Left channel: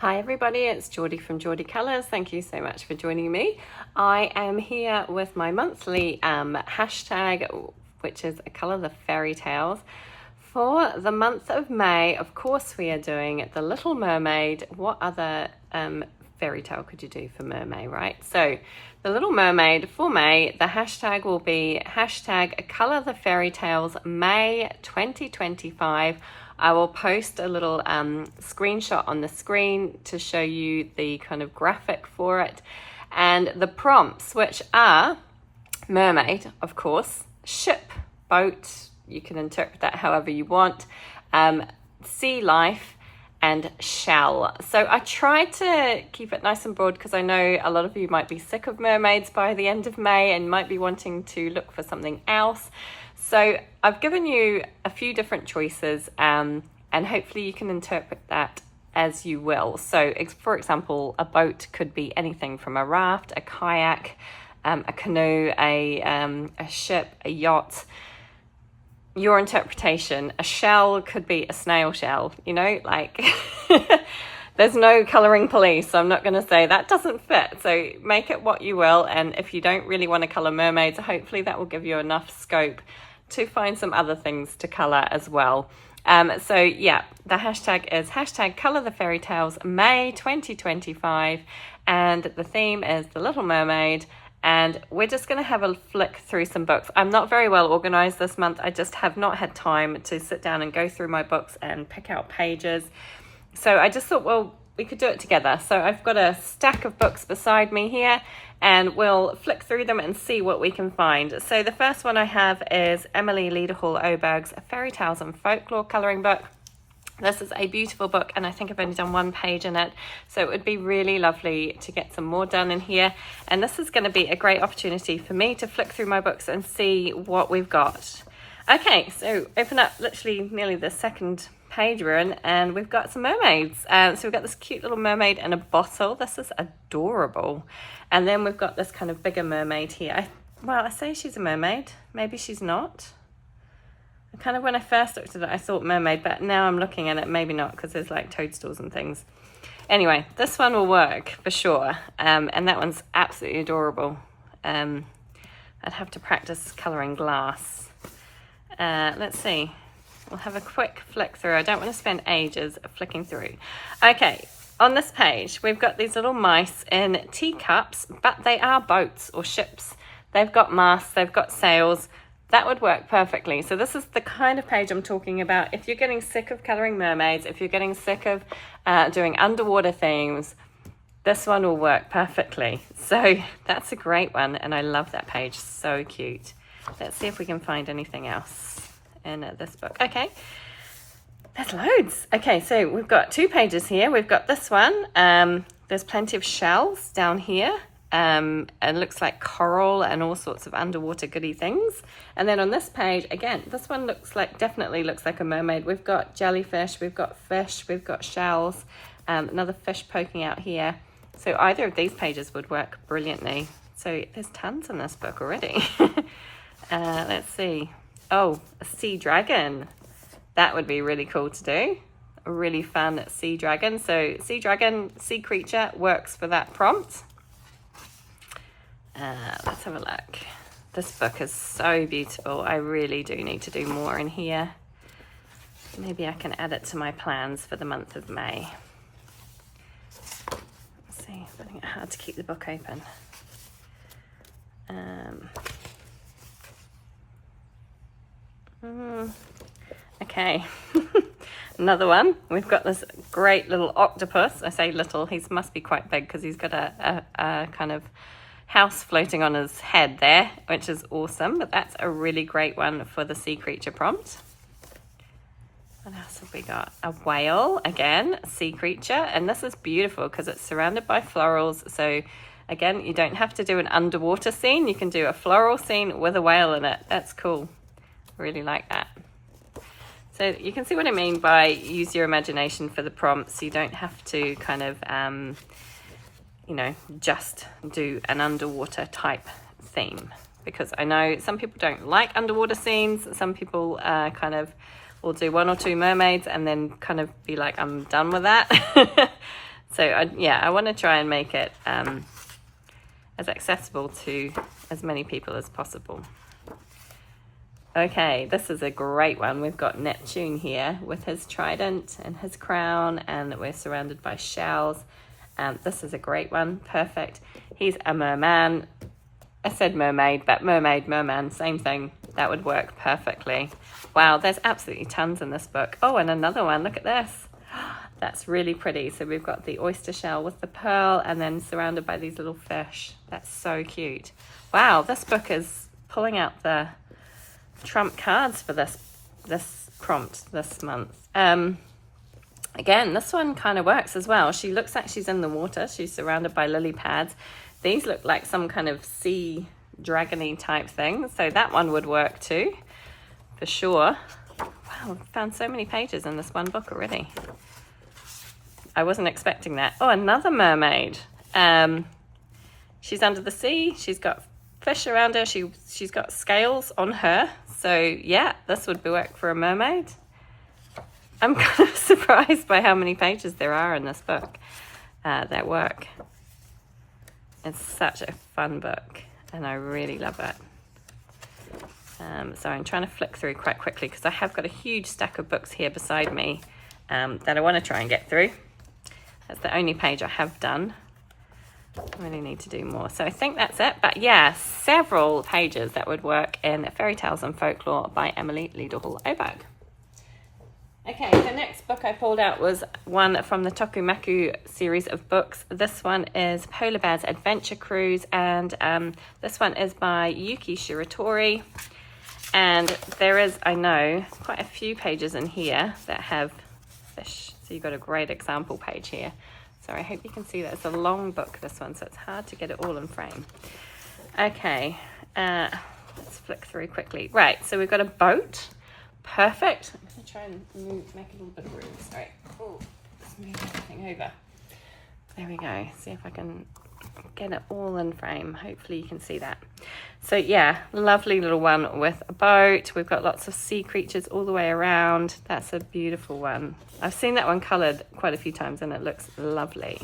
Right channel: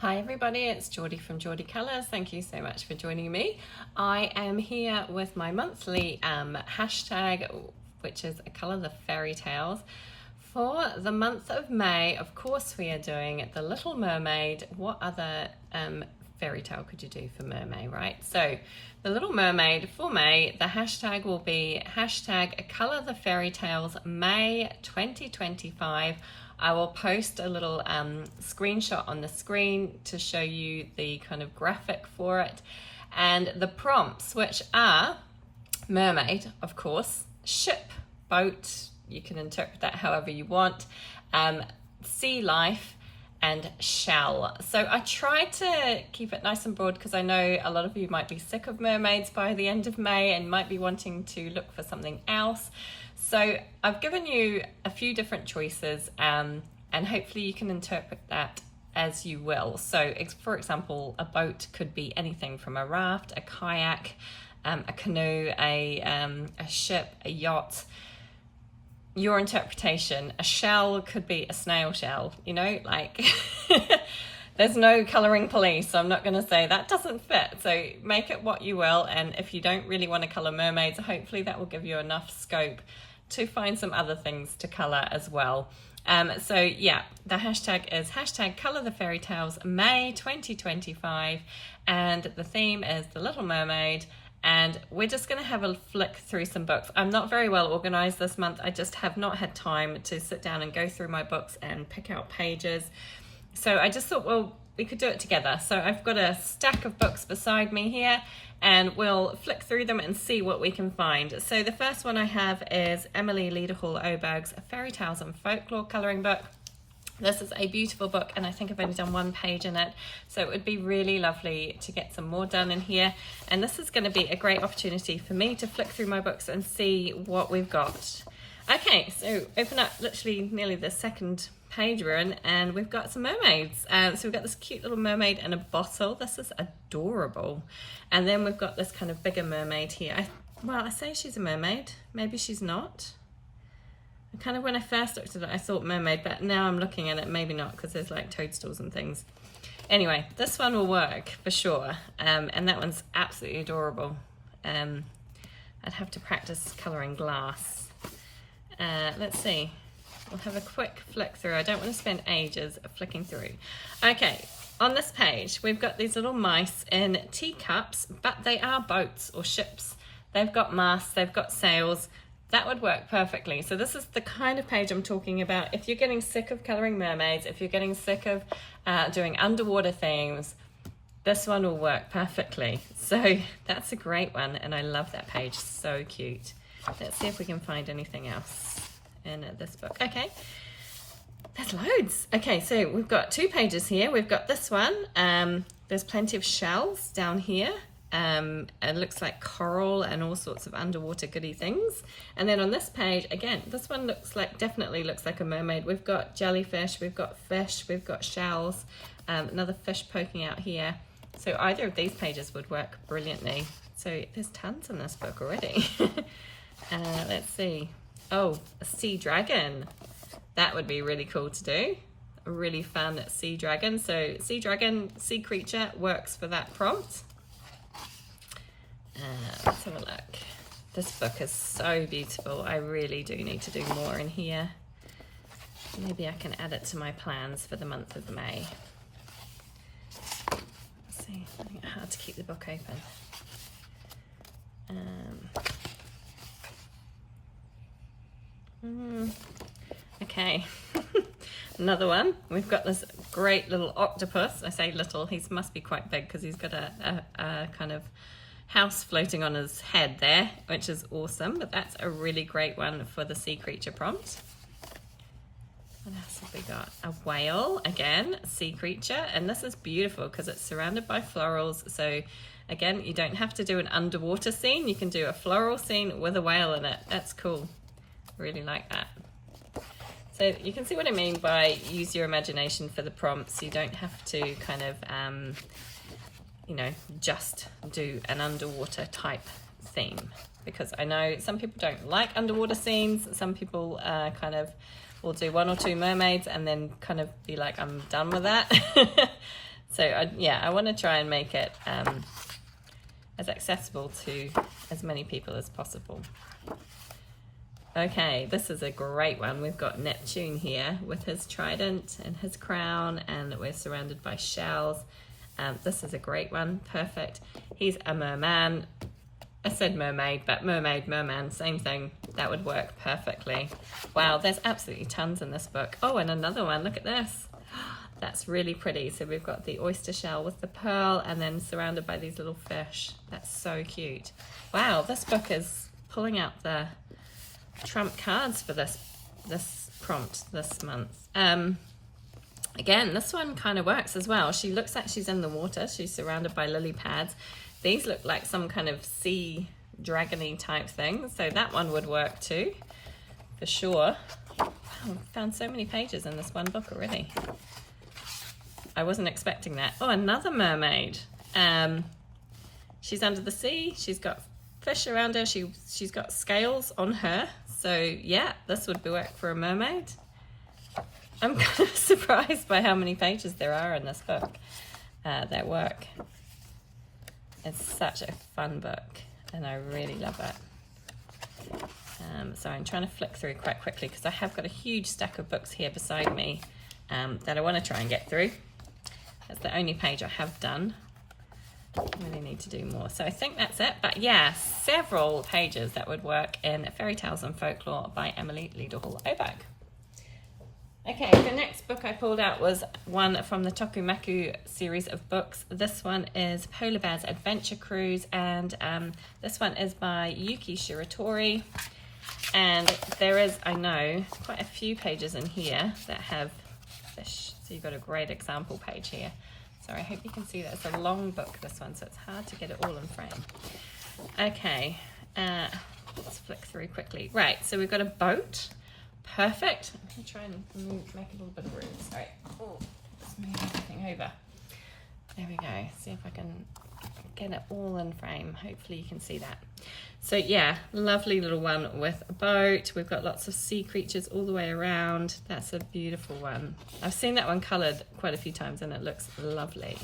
Hi everybody, it's Geordie from Geordie Colours. Thank you so much for joining me. I am here with my monthly hashtag, which is a colour the fairy tales. For the month of May, of course we are doing the Little Mermaid. What other fairy tale could you do for Mermay, right? So the Little Mermaid for May, the hashtag will be hashtag colour the fairy tales May 2025. I will post a little screenshot on the screen to show you the kind of graphic for it. And the prompts, which are mermaid, of course, ship, boat, you can interpret that however you want, sea life, and shell. So I tried to keep it nice and broad because I know a lot of you might be sick of mermaids by the end of May and might be wanting to look for something else. So I've given you a few different choices and hopefully you can interpret that as you will. So for example, a boat could be anything from a raft, a kayak, a canoe, a ship, a yacht. Your interpretation. A shell could be a snail shell, you know, like there's no colouring police, so I'm not going to say that doesn't fit. So make it what you will, and if you don't really want to colour mermaids, hopefully that will give you enough scope to find some other things to colour as well. So yeah, the hashtag is hashtag colour the fairy tales May 2025, and the theme is the Little Mermaid. And we're just going to have a flick through some books. I'm not very well organised this month. I just have not had time to sit down and go through my books and pick out pages. So I just thought, well, we could do it together. So I've got a stack of books beside me here and we'll flick through them and see what we can find. So the first one I have is Emily Leaderhall-Oberg's Fairy Tales and Folklore colouring book. This is a beautiful book and I think I've only done one page in it, so it would be really lovely to get some more done in here. And this is going to be a great opportunity for me to flick through my books and see what we've got. Okay, so open up literally nearly the second page we're in and we've got some mermaids. So we've got this cute little mermaid in a bottle. This is adorable. And then we've got this kind of bigger mermaid here. I say she's a mermaid, maybe she's not. Kind of when I first looked at it, I thought mermaid, but now I'm looking at it, maybe not, because there's like toadstools and things. Anyway, this one will work for sure. And that one's absolutely adorable. I'd have to practice colouring glass. Let's see. We'll have a quick flick through. I don't want to spend ages flicking through. Okay, on this page, we've got these little mice in teacups, but they are boats or ships. They've got masts, they've got sails. That would work perfectly. So this is the kind of page I'm talking about. If you're getting sick of colouring mermaids, if you're getting sick of doing underwater themes, this one will work perfectly. So that's a great one. And I love that page. So cute. Let's see if we can find anything else in this book. Okay. There's loads. Okay, so we've got 2 pages here. We've got this one. There's plenty of shells down here. It looks like coral and all sorts of underwater goody things. And then on this page, again, this one definitely looks like a mermaid. We've got jellyfish, we've got fish, we've got shells, another fish poking out here. So either of these pages would work brilliantly. So there's tons in this book already. Let's see. Oh, a sea dragon. That would be really cool to do. A really fun sea dragon. So sea dragon, sea creature works for that prompt. Let's have a look. This book is so beautiful. I really do need to do more in here. Maybe I can add it to my plans for the month of May. Let's see, I think it's hard to keep the book open. Okay, another one. We've got this great little octopus. I say little, he must be quite big because he's got a kind of house floating on his head there, which is awesome. But that's a really great one for the sea creature prompt. What else have we got? A whale, again, a sea creature. And this is beautiful because it's surrounded by florals. So again, you don't have to do an underwater scene. You can do a floral scene with a whale in it. That's cool. Really like that. So you can see what I mean by use your imagination for the prompts. You don't have to kind of just do an underwater type theme, because I know some people don't like underwater scenes. Some people kind of will do 1 or 2 mermaids and then kind of be like, I'm done with that. So I want to try and make it as accessible to as many people as possible. Okay, this is a great one. We've got Neptune here with his trident and his crown, and we're surrounded by shells. This is a great one, perfect. He's a merman. I said mermaid, but mermaid, merman, same thing. That would work perfectly. Wow, there's absolutely tons in this book. Oh, and another one, look at this. That's really pretty. So we've got the oyster shell with the pearl and then surrounded by these little fish. That's so cute. Wow, this book is pulling out the trump cards for this prompt this month. Again, this one kind of works as well. She looks like she's in the water. She's surrounded by lily pads. These look like some kind of sea dragony type thing. So that one would work too, for sure. Wow, I've found so many pages in this one book already. I wasn't expecting that. Oh, another mermaid. She's under the sea. She's got fish around her. She's got scales on her. So yeah, this would work for a mermaid. I'm kind of surprised by how many pages there are in this book that work. It's such a fun book and I really love it. So I'm trying to flick through quite quickly because I have got a huge stack of books here beside me that I want to try and get through. That's the only page I have done. I really need to do more. So I think that's it. But yeah, several pages that would work in Fairy Tales and Folklore by Emily Liederhall-Oberg. Okay, the next book I pulled out was one from the Tokumaku series of books. This one is Polar Bear's Adventure Cruise, and this one is by Yuki Shiratori. And there is, I know, quite a few pages in here that have fish. So you've got a great example page here. So I hope you can see that. It's a long book, this one, so it's hard to get it all in frame. Okay, let's flick through quickly. Right, so we've got a boat. Perfect. I'm going to try and make a little bit of room. Sorry. Oh, let's move everything over. There we go. See if I can get it all in frame. Hopefully you can see that. So yeah, lovely little one with a boat. We've got lots of sea creatures all the way around. That's a beautiful one. I've seen that one coloured quite a few times and it looks lovely.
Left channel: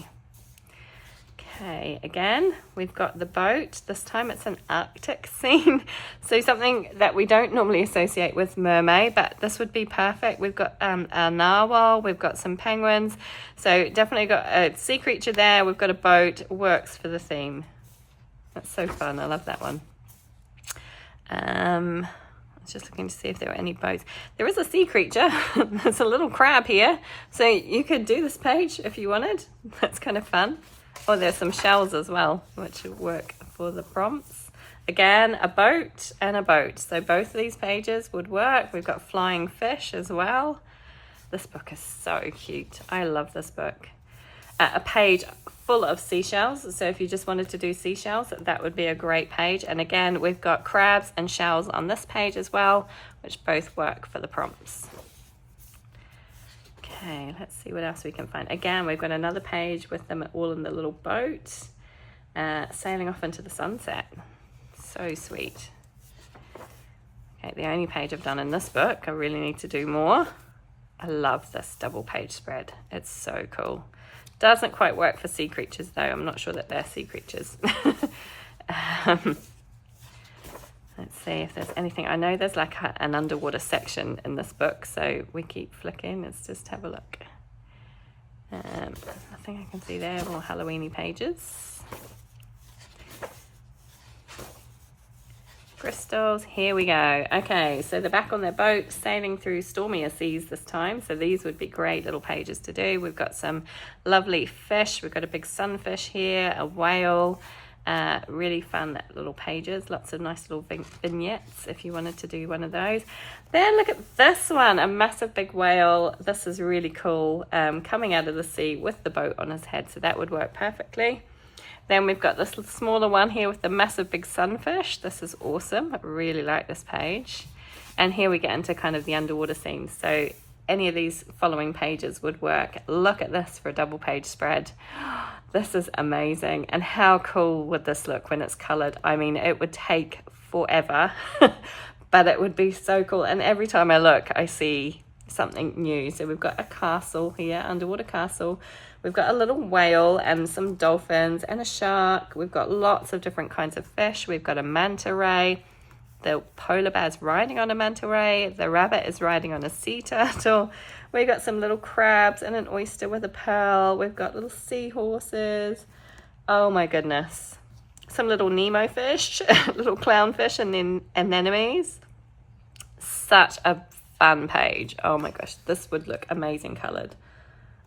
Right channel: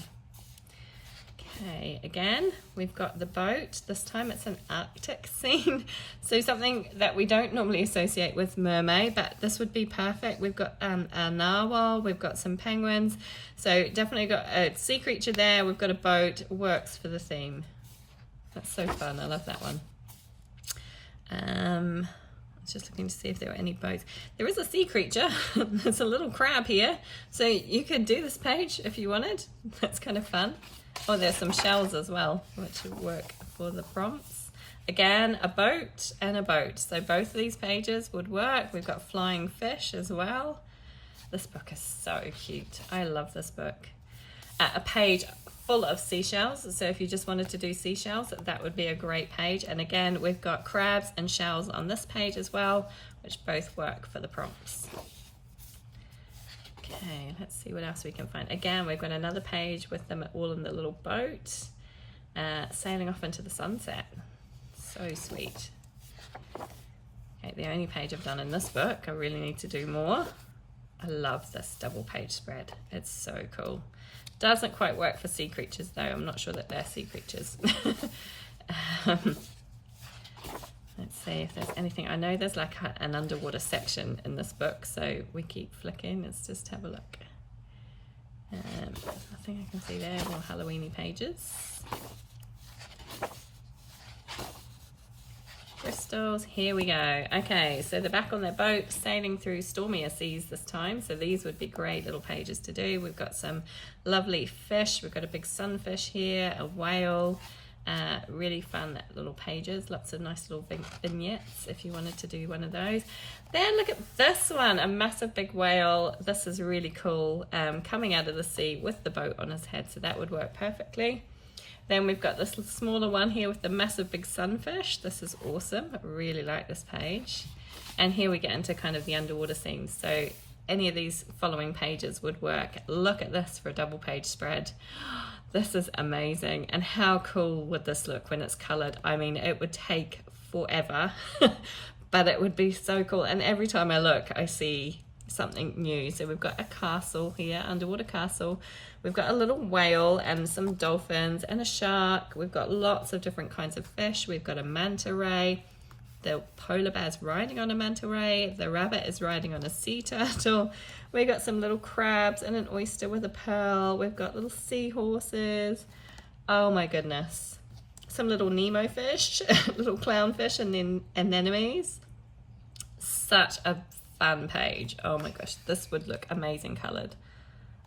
Okay, again, we've got the boat. This time it's an Arctic scene. So something that we don't normally associate with Mermay, but this would be perfect. We've got a narwhal, we've got some penguins. So definitely got a sea creature there. We've got a boat, works for the theme. That's so fun, I love that one. I was just looking to see if there were any boats. There is a sea creature. There's a little crab here. So you could do this page if you wanted. That's kind of fun. Oh, there's some shells as well, which would work for the prompts. Again, a boat and a boat. So both of these pages would work. We've got flying fish as well. This book is so cute. I love this book. A page full of seashells. So if you just wanted to do seashells, that would be a great page. And again, we've got crabs and shells on this page as well, which both work for the prompts. Okay, let's see what else we can find. Again, we've got another page with them all in the little boat, sailing off into the sunset. So sweet. Okay, the only page I've done in this book. I really need to do more. I love this double page spread. It's so cool. Doesn't quite work for sea creatures though. I'm not sure that they're sea creatures. Let's see if there's anything. I know there's like an underwater section in this book, so we keep flicking. Let's just have a look. Nothing I can see there. More Halloween-y pages. Crystals, here we go. Okay, so they're back on their boat, sailing through stormier seas this time. So these would be great little pages to do. We've got some lovely fish. We've got a big sunfish here, a whale. Really fun little pages. Lots of nice little vignettes if you wanted to do one of those. Then look at this one, a massive big whale. This is really cool, coming out of the sea with the boat on his head. So that would work perfectly. Then we've got this smaller one here with the massive big sunfish. This is awesome. I really like this page. And here we get into kind of the underwater scenes. So any of these following pages would work. Look at this for a double page spread. This is amazing. And how cool would this look when it's colored? I mean, it would take forever, but it would be so cool. And every time I look, I see something new. So we've got a castle here, underwater castle, We've got a little whale and some dolphins and a shark. We've got lots of different kinds of fish. We've got a manta ray. The polar bear's riding on a manta ray. The rabbit is riding on a sea turtle. We've got some little crabs and an oyster with a pearl. We've got little seahorses. Oh my goodness. Some little Nemo fish, little clownfish and then anemones. Such a fun page. Oh my gosh, this would look amazing coloured.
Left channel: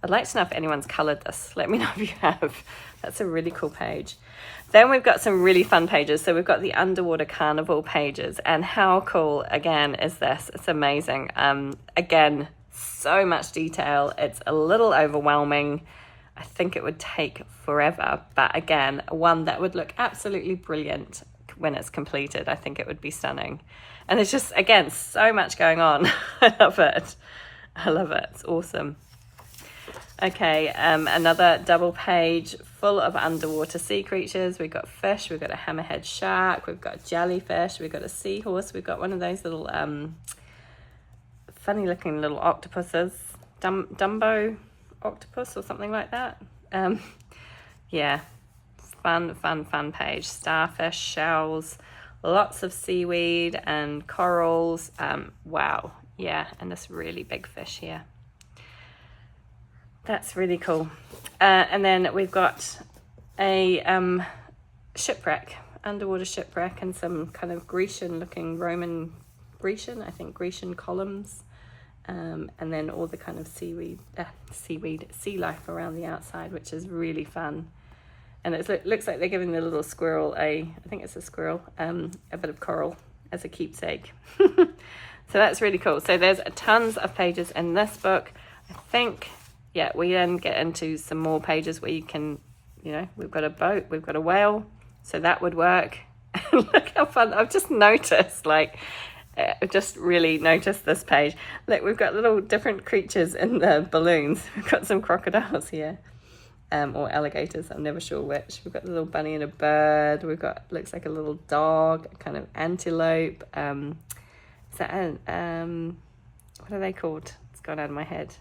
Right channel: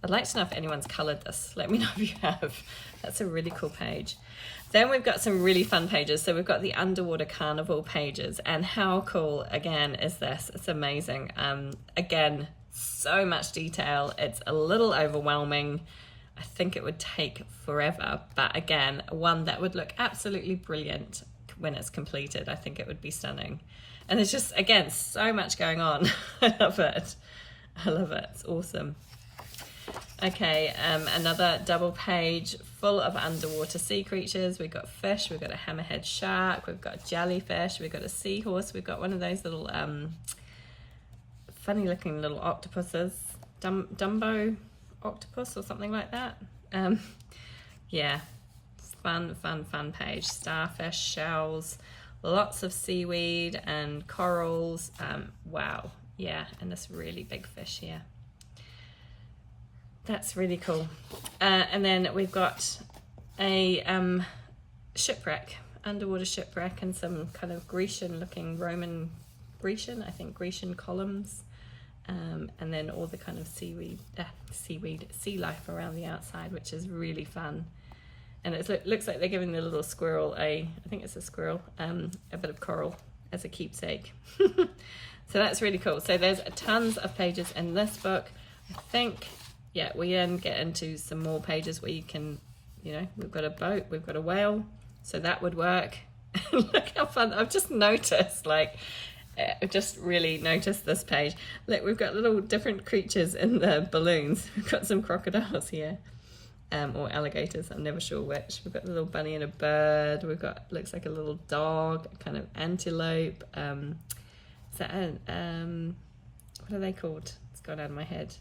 I'd like to know if anyone's coloured this. Let me know if you have. That's a really cool page. Then we've got some really fun pages. So we've got the underwater carnival pages, and how cool again is this? It's amazing. Again, so much detail. It's a little overwhelming. I think it would take forever, but again, one that would look absolutely brilliant when it's completed. I think it would be stunning. And it's just, again, so much going on. I love it. I love it. It's awesome. Okay, another double page full of underwater sea creatures. We've got fish, we've got a hammerhead shark, we've got jellyfish, we've got a seahorse, we've got one of those little funny looking little octopuses, Dumbo octopus or something like that. Yeah, fun page. Starfish, shells, lots of seaweed and corals. Wow, yeah, and this really big fish here. That's really cool. And then we've got a shipwreck, underwater shipwreck, and some kind of Grecian looking Grecian columns. And then all the kind of sea life around the outside, which is really fun. And it looks like they're giving the little squirrel I think it's a squirrel, a bit of coral as a keepsake. So that's really cool. So there's tons of pages in this book. I think, yeah, we then get into some more pages where you can, you know, we've got a boat, we've got a whale, so that would work. Look how fun. I've just noticed, like, I just really noticed this page. Look, we've got little different creatures in the balloons. We've got some crocodiles here, or alligators, I'm never sure which. We've got a little bunny and a bird. We've got, looks like a little dog, a kind of antelope. Is that what are they called? It's gone out of my head.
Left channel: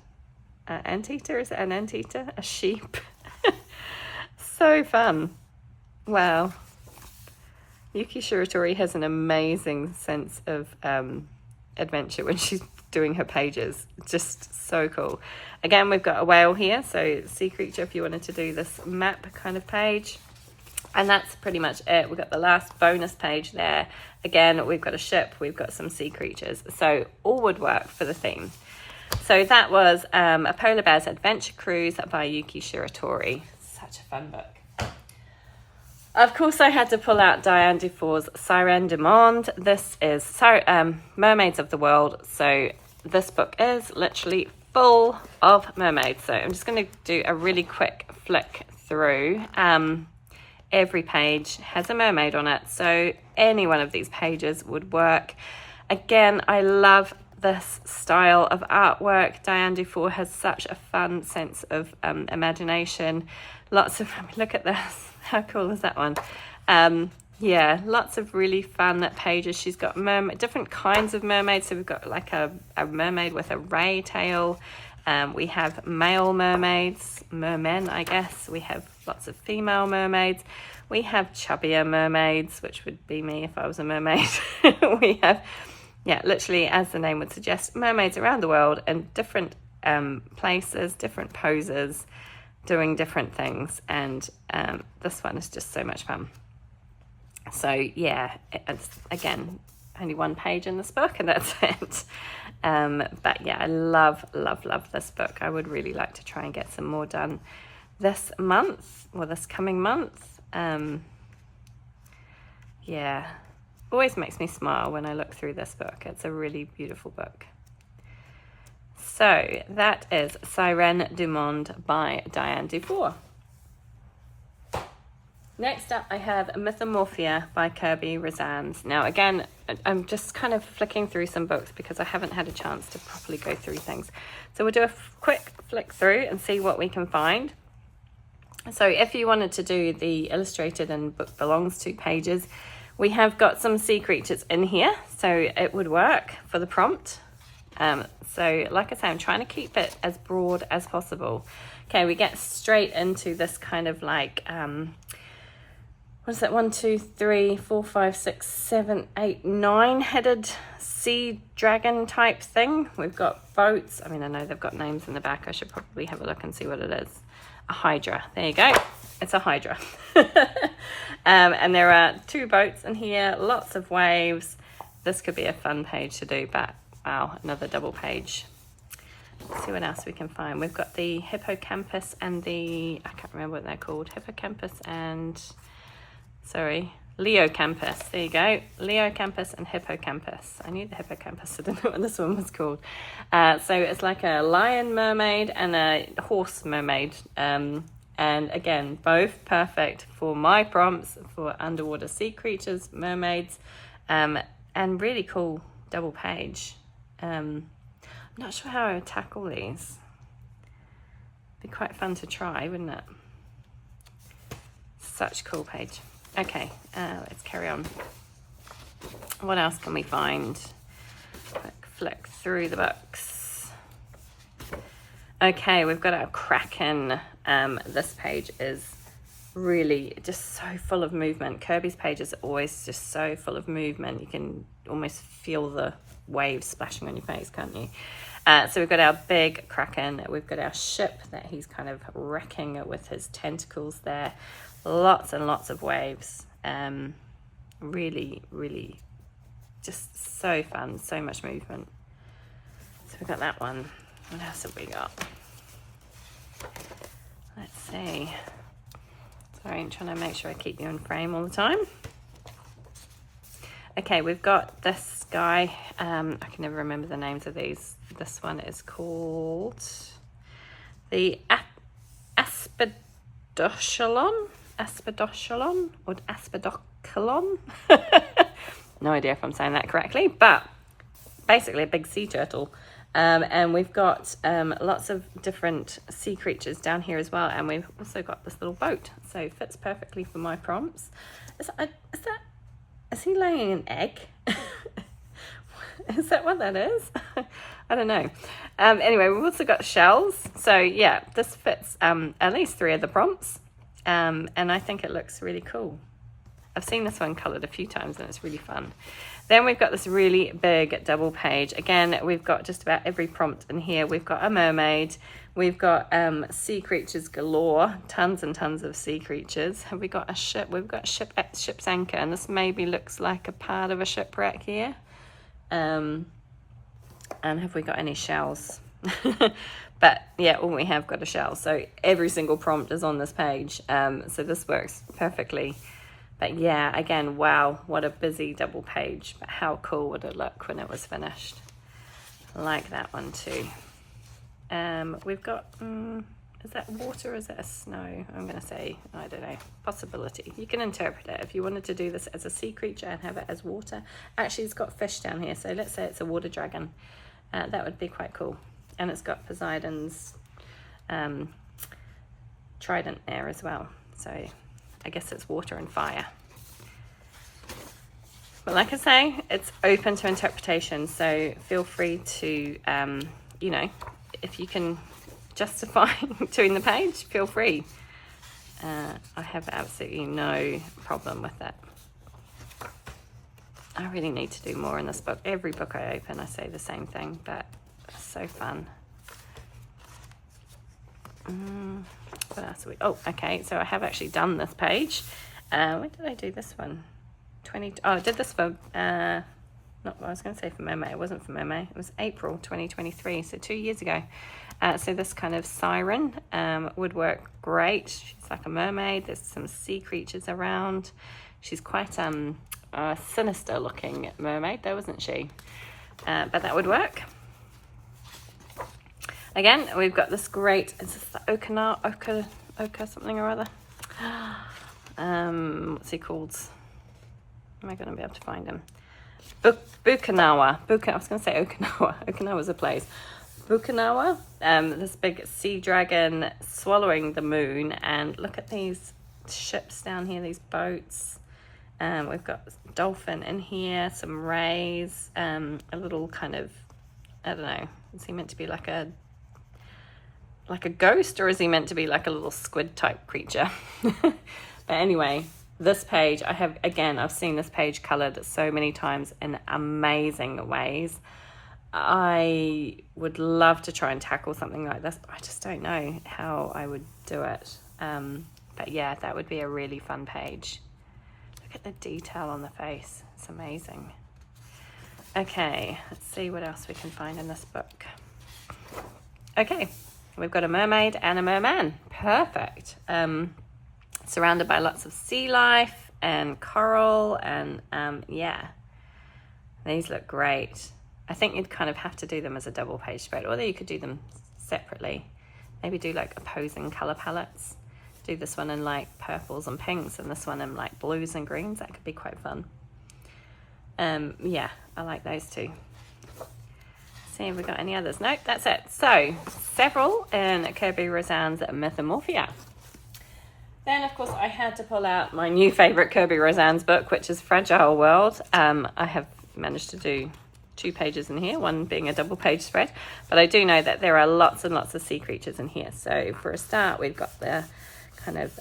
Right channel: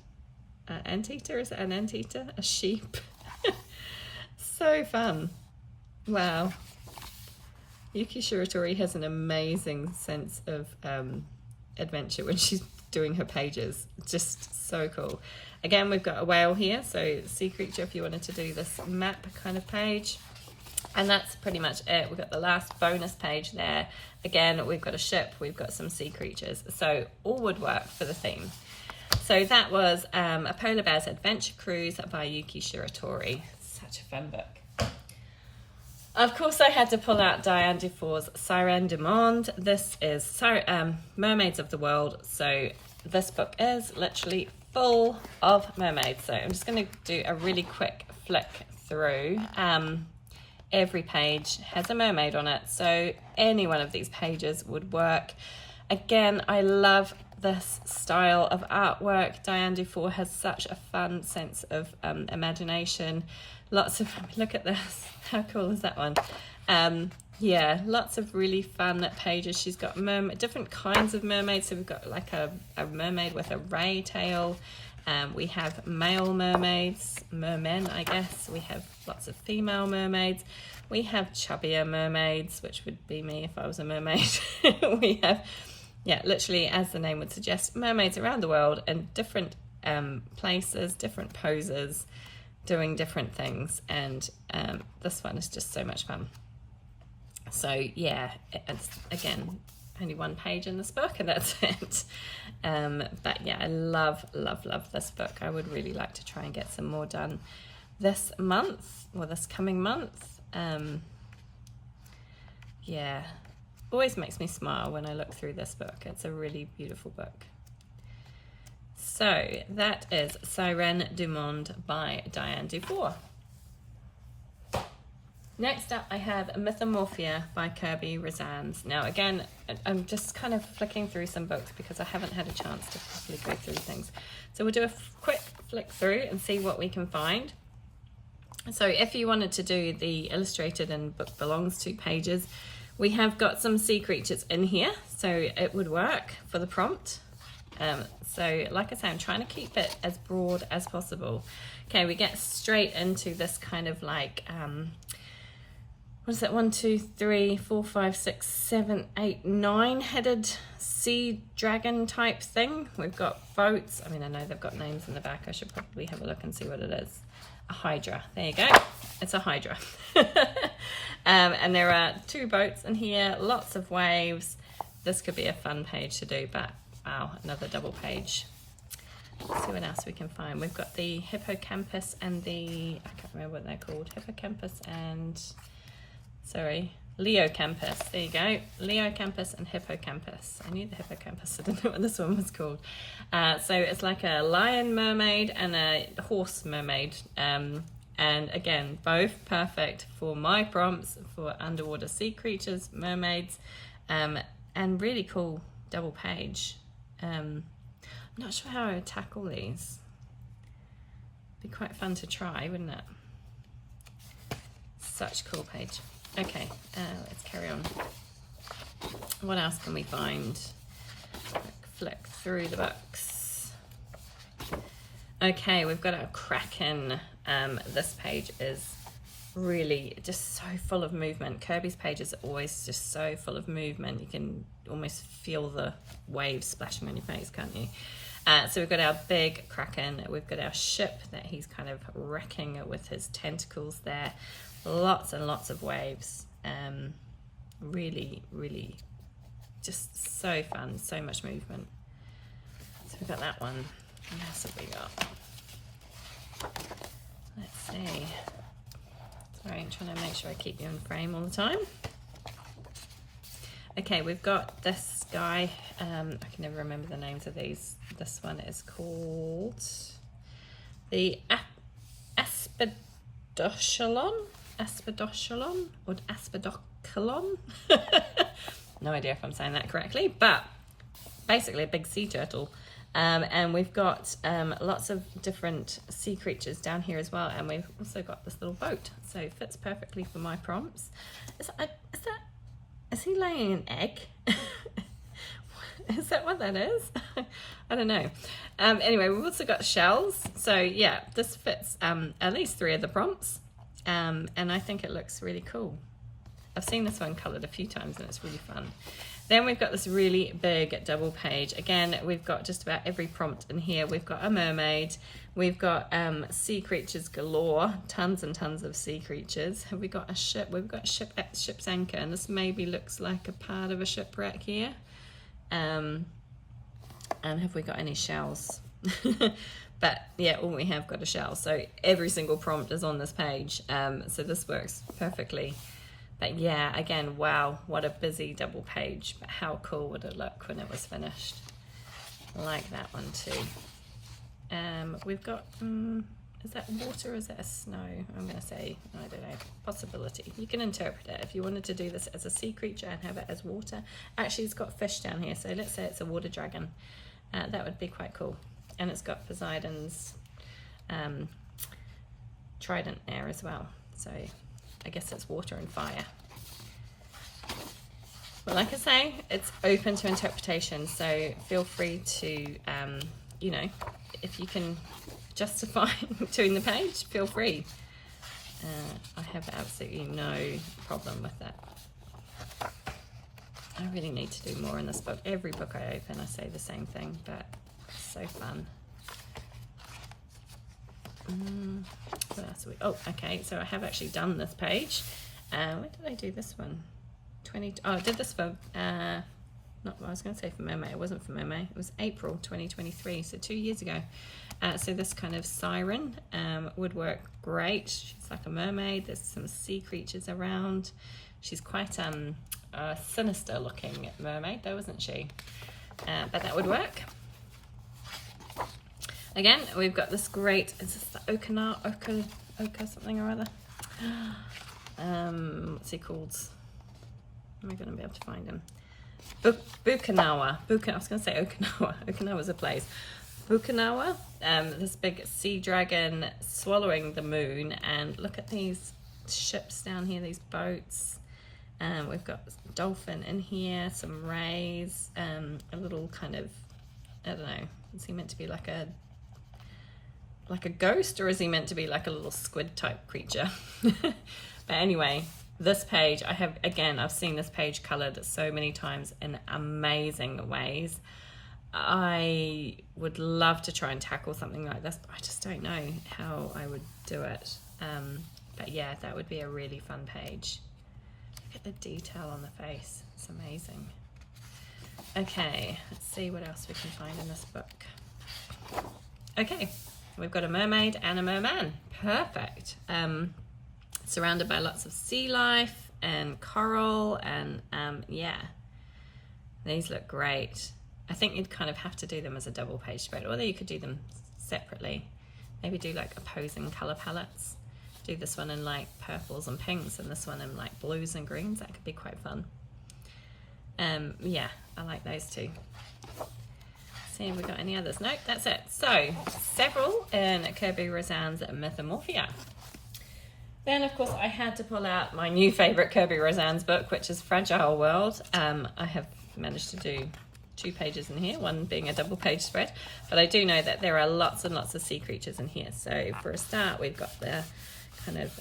Anteater, is it an anteater? A sheep. So fun. Wow. Yuki Shiratori has an amazing sense of adventure when she's doing her pages. Just so cool. Again, we've got a whale here, so sea creature if you wanted to do this map kind of page. And that's pretty much it. We've got the last bonus page there. Again, we've got a ship, we've got some sea creatures. So all would work for the theme. So that was A Polar Bear's Adventure Cruise by Yuki Shiratori. Such a fun book. Of course, I had to pull out Diane Dufour's Serendipity. This is Mermaids of the World. So this book is literally full of mermaids. So I'm just going to do a really quick flick through. Every page has a mermaid on it. So any one of these pages would work. Again, I love this style of artwork. Diane Dufour has such a fun sense of imagination. Lots of, look at this, how cool is that one? Yeah, lots of really fun pages. She's got different kinds of mermaids. So we've got like a mermaid with a ray tail. We have male mermaids, mermen, I guess. We have lots of female mermaids. We have chubbier mermaids, which would be me if I was a mermaid. We have, yeah, literally, as the name would suggest, mermaids around the world in different places, different poses, doing different things. And this one is just so much fun. So yeah, it's, again, only one page in this book and that's it. But yeah, I love this book. I would really like to try and get some more done this month or this coming month. Yeah, always makes me smile when I look through this book. It's a really beautiful book. So that is Sirène du Monde by Diane Dufour. Next up, I have Mythomorphia by Kirby Razams. Now, again, I'm just kind of flicking through some books because I haven't had a chance to properly go through things. So we'll do a quick flick through and see what we can find. So if you wanted to do the illustrated and book belongs to pages, we have got some sea creatures in here, so it would work for the prompt. So like I say, I'm trying to keep it as broad as possible Okay, we get straight into this kind of like, what is it? 1, 2, 3, 4, 5, 6, 7, 8, 9 headed sea dragon type thing. We've got boats. I mean, I know they've got names in the back. I should probably have a look and see what it is. A hydra. There you go. It's a hydra. And there are 2 boats in here, lots of waves. This could be a fun page to do, but wow, another double page. Let's see what else we can find. We've got the hippocampus and the, I can't remember what they're called, hippocampus and, sorry, Leocampus. There you go. Leocampus and hippocampus. I knew the hippocampus. I didn't know what this one was called. So it's like a lion mermaid and a horse mermaid. And again, both perfect for my prompts for underwater sea creatures, mermaids, and really cool double page. I'm not sure how I would tackle these. Be quite fun to try, wouldn't it? Such a cool page. Okay, let's carry on. What else can we find? Flick through the books. Okay, we've got our Kraken. This page is really just so full of movement. Kirby's pages are always just so full of movement. You can almost feel the waves splashing on your face, can't you? So we've got our big Kraken. We've got our ship that he's kind of wrecking with his tentacles there. Lots and lots of waves. Really, really just so fun. So much movement. So we've got that one. What else have we got? Let's see. Sorry, I'm trying to make sure I keep you in frame all the time. Okay, we've got this guy. I can never remember the names of these. This one is called the Aspidochelon or Aspidocolon. No idea if I'm saying that correctly, but basically a big sea turtle. And we've got lots of different sea creatures down here as well, and we've also got this little boat, so it fits perfectly for my prompts. Is he laying an egg? Is that what that is? I don't know. Anyway, we've also got shells, so yeah, this fits at least 3 of the prompts, and I think it looks really cool. I've seen this one coloured a few times and it's really fun. Then we've got this really big double page. Again, we've got just about every prompt in here. We've got a mermaid. We've got sea creatures galore. Tons and tons of sea creatures. Have we got a ship? We've got ship's anchor. And this maybe looks like a part of a shipwreck here. And have we got any shells? But yeah, all we have got a shell. So every single prompt is on this page. So this works perfectly. But yeah, again, wow, what a busy double page. But how cool would it look when it was finished? I like that one too. We've got, is that water or is it a snow? I'm going to say, I don't know, possibility. You can interpret it. If you wanted to do this as a sea creature and have it as water. Actually, it's got fish down here. So let's say it's a water dragon. That would be quite cool. And it's got Poseidon's trident there as well. So I guess it's water and fire. But like I say, it's open to interpretation, so feel free to, you know, if you can justify doing the page, feel free. I have absolutely no problem with that. I really need to do more in this book. Every book I open, I say the same thing, but it's so fun. What else are we? Oh, okay. So I have actually done this page. When did I do this one? I did this for not I was going to say for Mermay. It wasn't for Mermay. It was April 2023, so 2 years ago. So this kind of siren would work great. She's like a mermaid. There's some sea creatures around. She's quite a sinister looking mermaid, though, isn't she? But that would work. Again, we've got this great, is this the Oka something or other? What's he called? Am I going to be able to find him? Bukanawa. I was going to say Okinawa. Okinawa's a place. Bukanawa, this big sea dragon swallowing the moon. And look at these ships down here, these boats. We've got dolphin in here, some rays, a little kind of, I don't know, is he meant to be like a like a ghost, or is he meant to be like a little squid type creature? But anyway, this page, I've seen this page colored so many times in amazing ways. I would love to try and tackle something like this, but I just don't know how I would do it. But yeah, that would be a really fun page. Look at the detail on the face. It's amazing. Okay, let's see what else we can find in this book. Okay, we've got a mermaid and a merman. Perfect. Surrounded by lots of sea life and coral, and yeah, these look great. I think you'd kind of have to do them as a double page spread, although you could do them separately. Maybe do like opposing color palettes. Do this one in like purples and pinks, and this one in like blues and greens. That could be quite fun. Yeah, I like those two. See if we got any others. Nope, that's it. So several in Kirby Rosanne's Mythomorphia. Then of course I had to pull out my new favorite Kirby Rosanne's book, which is Fragile World. I have managed to do 2 pages in here, one being a double page spread, but I do know that there are lots and lots of sea creatures in here. So for a start, we've got the kind of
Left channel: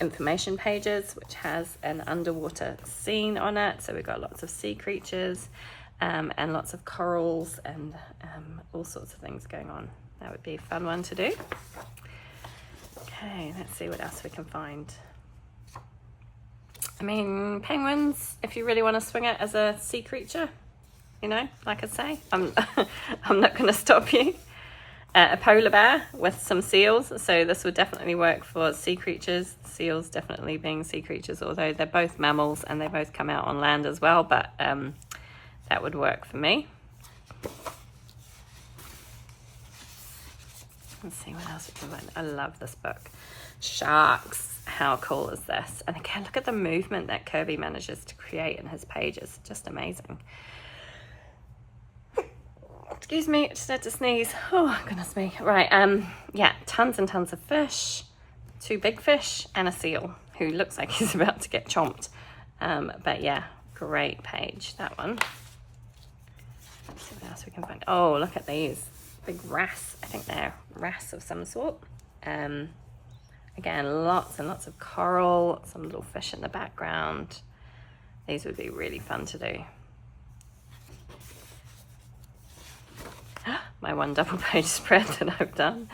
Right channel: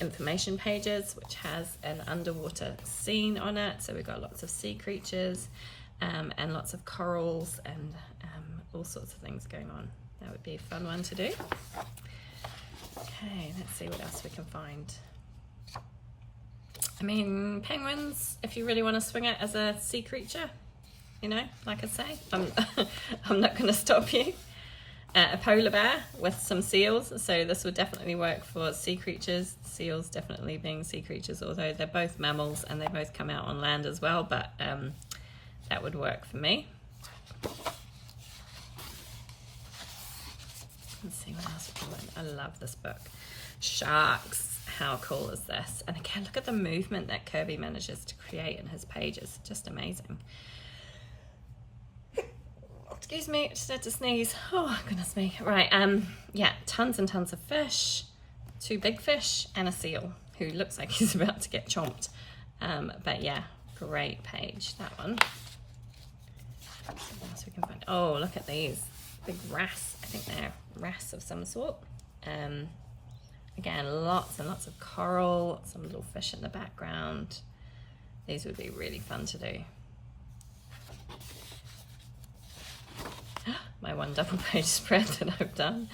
information pages, which has an underwater scene on it. So we've got lots of sea creatures and lots of corals and all sorts of things going on. That would be a fun one to do. Okay, let's see what else we can find. I mean, penguins, if you really want to swing it as a sea creature, you know, like I say, I'm not going to stop you. A polar bear with some seals, so this would definitely work for sea creatures. Seals definitely being sea creatures, although they're both mammals and they both come out on land as well, but that would work for me. Let's see what else we can find. I love this book. Sharks, how cool is this? And again, look at the movement that Kirby manages to create in his pages. Just amazing. Excuse me, I just had to sneeze. Oh, goodness me. Right, yeah, tons and tons of fish, 2 big fish, and a seal who looks like he's about to get chomped. But yeah, great page, that one. What else we can find? Oh, look at these. Big wrasse. I think they're wrasse of some sort. Again, lots and lots of coral, some little fish in the background. These would be really fun to do. My one double page spread that I've done.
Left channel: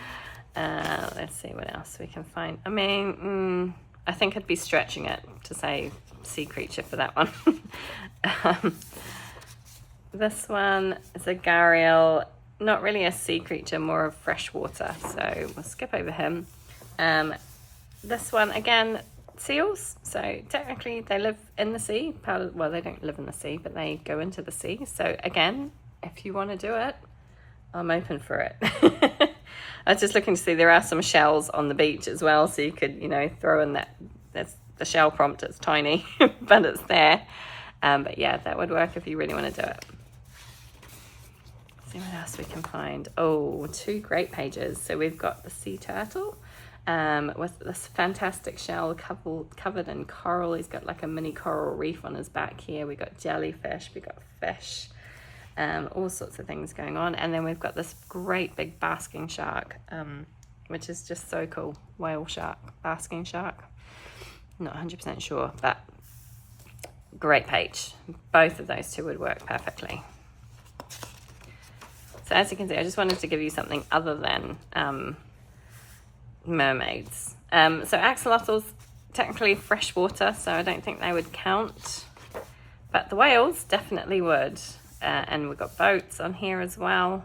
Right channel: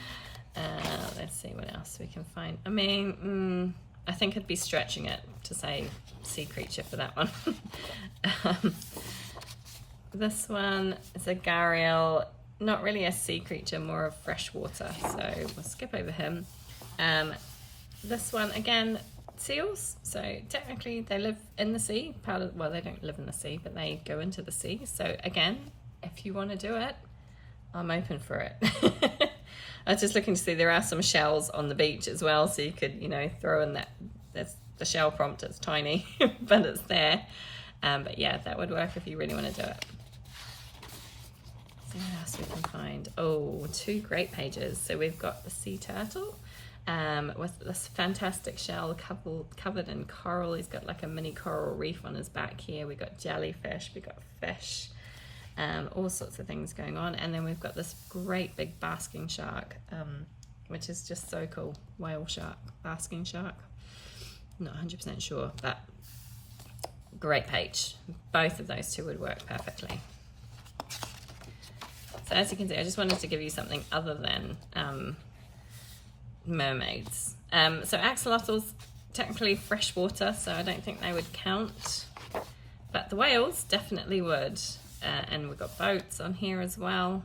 Let's see what else we can find. I mean, I think I'd be stretching it to say sea creature for that one. This one is a gharial, not really a sea creature, more of freshwater, so we'll skip over him. This one, again, seals, so technically they live in the sea. Well, they don't live in the sea, but they go into the sea. So again, if you want to do it, I'm open for it. I was just looking to see, there are some shells on the beach as well, so you could, you know, throw in that. There's the shell prompt. It's tiny, but it's there. But yeah, that would work if you really want to do it. Let's see what else we can find. Oh, 2 great pages. So we've got the sea turtle with this fantastic shell covered in coral. He's got like a mini coral reef on his back here. We've got jellyfish, we've got fish. All sorts of things going on, and then we've got this great big basking shark, which is just so cool. Whale shark, basking shark, not 100% sure, but great page. Both of those 2 would work perfectly. So as you can see, I just wanted to give you something other than mermaids. So axolotls, technically freshwater, so I don't think they would count, but the whales definitely would. And we've got boats on here as well.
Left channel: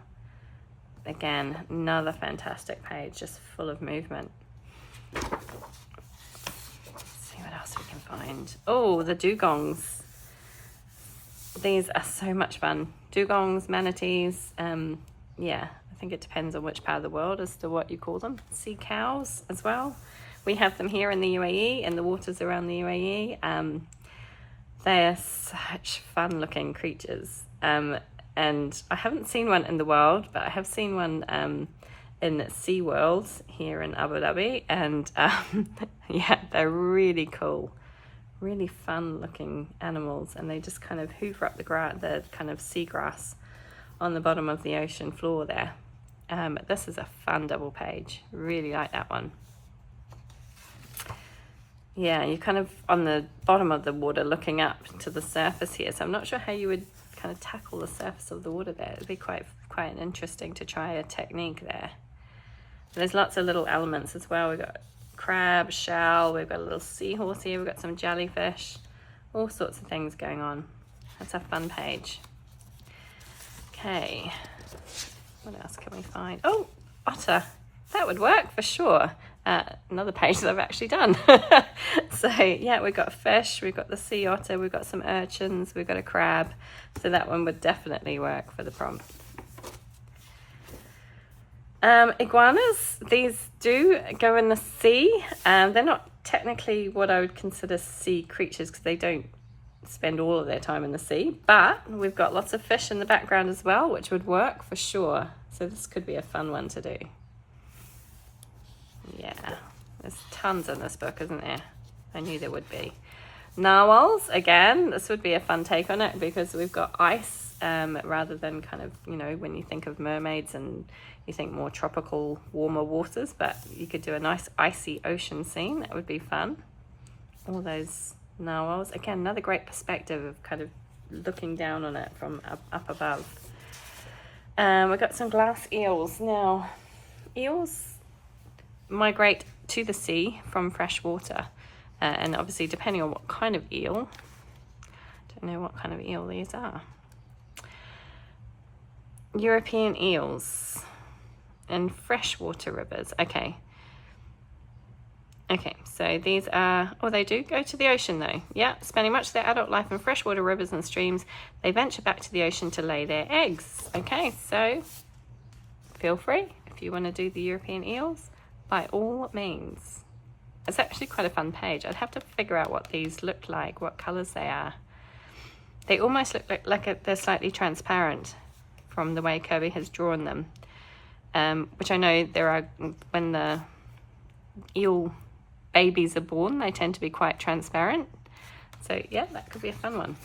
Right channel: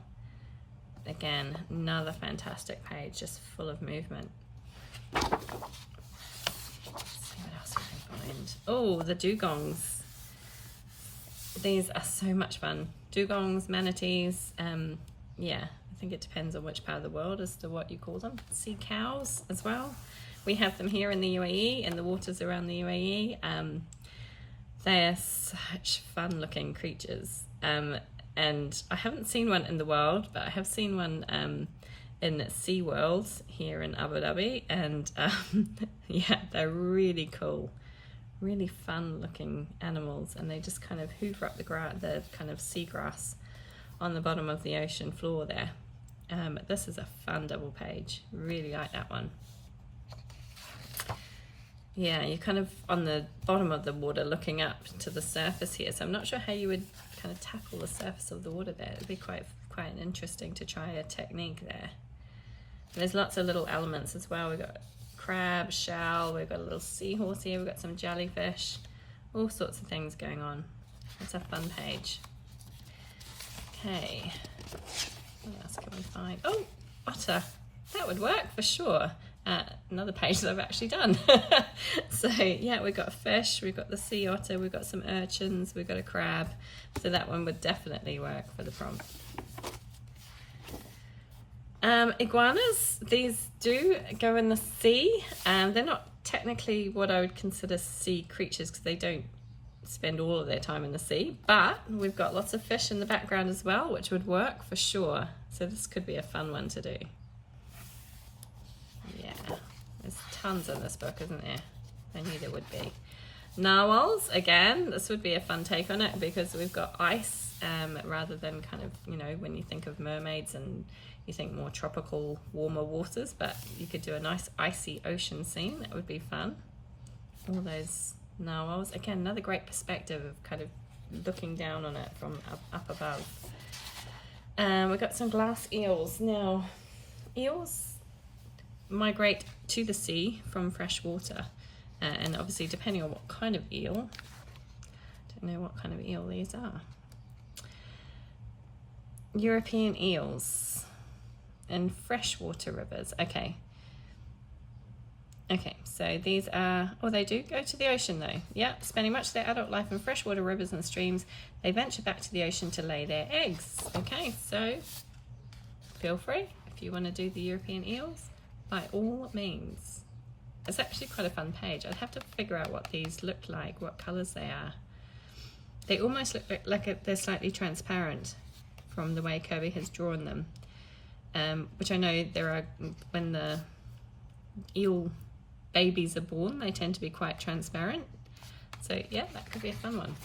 Again, another fantastic page, just full of movement. Let's see what else we can find. Oh, the dugongs. These are so much fun. Dugongs, manatees. Yeah, I think it depends on which part of the world as to what you call them. Sea cows as well. We have them here in the UAE, in the waters around the UAE. They're such fun looking creatures. And I haven't seen one in the wild, but I have seen one in SeaWorld here in Abu Dhabi, and yeah, they're really cool, really fun looking animals, and they just kind of hoover up the kind of seagrass on the bottom of the ocean floor there. This is a fun double page. Really like that one. Yeah, you're kind of on the bottom of the water looking up to the surface here. So I'm not sure how you would kind of tackle the surface of the water there. It'd be quite interesting to try a technique there. There's lots of little elements as well. We've got crab, shell, we've got a little seahorse here, we've got some jellyfish, all sorts of things going on. That's a fun page. Okay, what else can we find? Oh, otter. That would work for sure. Another page that I've actually done. So yeah, we've got fish, we've got the sea otter, we've got some urchins, we've got a crab. So that one would definitely work for the prompt. Iguanas, these do go in the sea. They're not technically what I would consider sea creatures because they don't spend all of their time in the sea, but we've got lots of fish in the background as well, which would work for sure. So this could be a fun one to do. Yeah, there's tons in this book, isn't there? I knew there would be. Narwhals, again, this would be a fun take on it because we've got ice rather than kind of, you know, when you think of mermaids and you think more tropical, warmer waters, but you could do a nice icy ocean scene. That would be fun. All those narwhals. Again, another great perspective of kind of looking down on it from up above. We've got some glass eels. Now, eels migrate to the sea from fresh water. And obviously, depending on what kind of eel, don't know what kind of eel these are. European eels in freshwater rivers. Okay, so these are, oh, they do go to the ocean though. Yeah, spending much of their adult life in freshwater rivers and streams, they venture back to the ocean to lay their eggs. Okay, so feel free if you want to do the European eels, by all means. It's actually quite a fun page. I'd have to figure out what these look like, what colours they are. They almost look like they're slightly transparent from the way Kirby has drawn them, which I know there are, when the eel babies are born, they tend to be quite transparent. So yeah, that could be a fun one.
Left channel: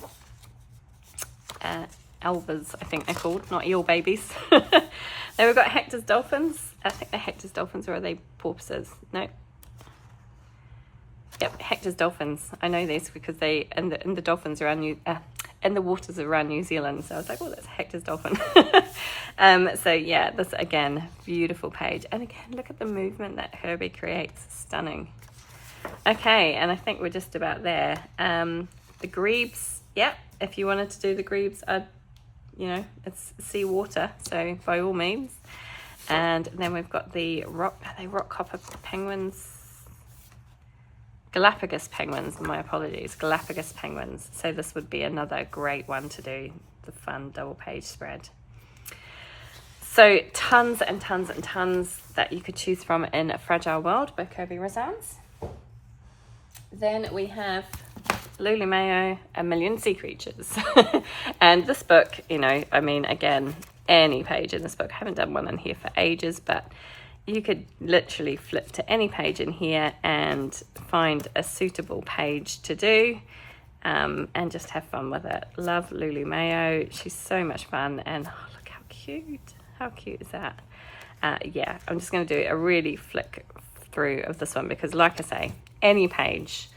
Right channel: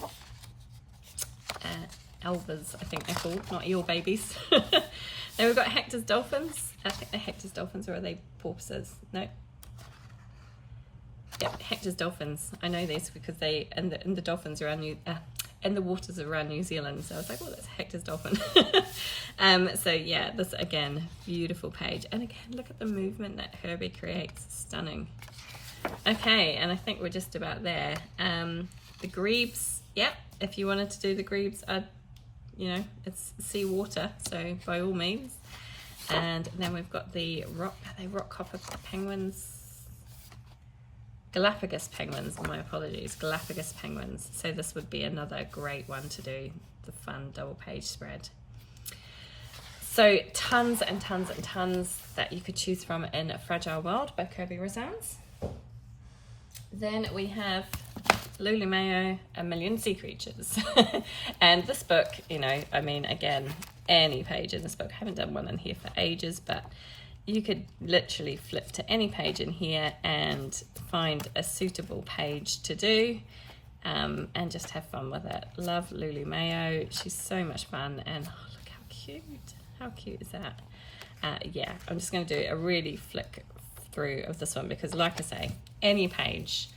Elvers, I think they're called, not eel babies. Then we've got Hector's dolphins. I think they're Hector's dolphins, or are they porpoises? No. Yep, Hector's dolphins. I know these because they and the dolphins around in the waters around New Zealand. So I was like, oh, that's Hector's dolphin. So yeah, this again, beautiful page. And again, look at the movement that Herbie creates. Stunning. Okay, and I think we're just about there. The grebes. Yep, if you wanted to do the grebes, you know, it's sea water, so by all means. And then we've got the rockhopper penguins. Galapagos penguins, my apologies, Galapagos penguins. So this would be another great one to do, the fun double page spread. So tons and tons and tons that you could choose from in A Fragile World by Kirby Razans. Then we have Lulu Mayo, A Million Sea Creatures. And this book, you know, I mean, again, any page in this book, I haven't done one in here for ages, but you could literally flip to any page in here and find a suitable page to do, and just have fun with it. Love Lulu Mayo. She's so much fun, and oh, look how cute. How cute is that? Yeah, I'm just going to do a really flick through of this one because, like I say, any page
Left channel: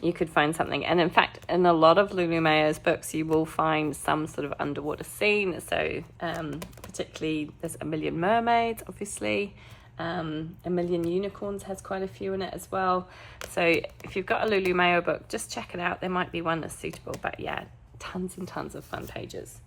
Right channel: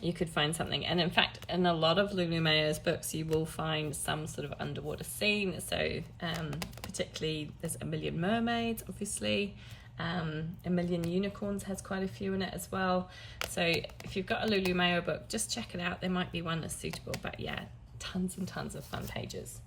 you could find something. And in fact, in a lot of Lulu Mayo's books, you will find some sort of underwater scene. So particularly there's A Million Mermaids, obviously. A Million Unicorns has quite a few in it as well. So if you've got a Lulu Mayo book, just check it out. There might be one that's suitable, but yeah, tons and tons of fun pages.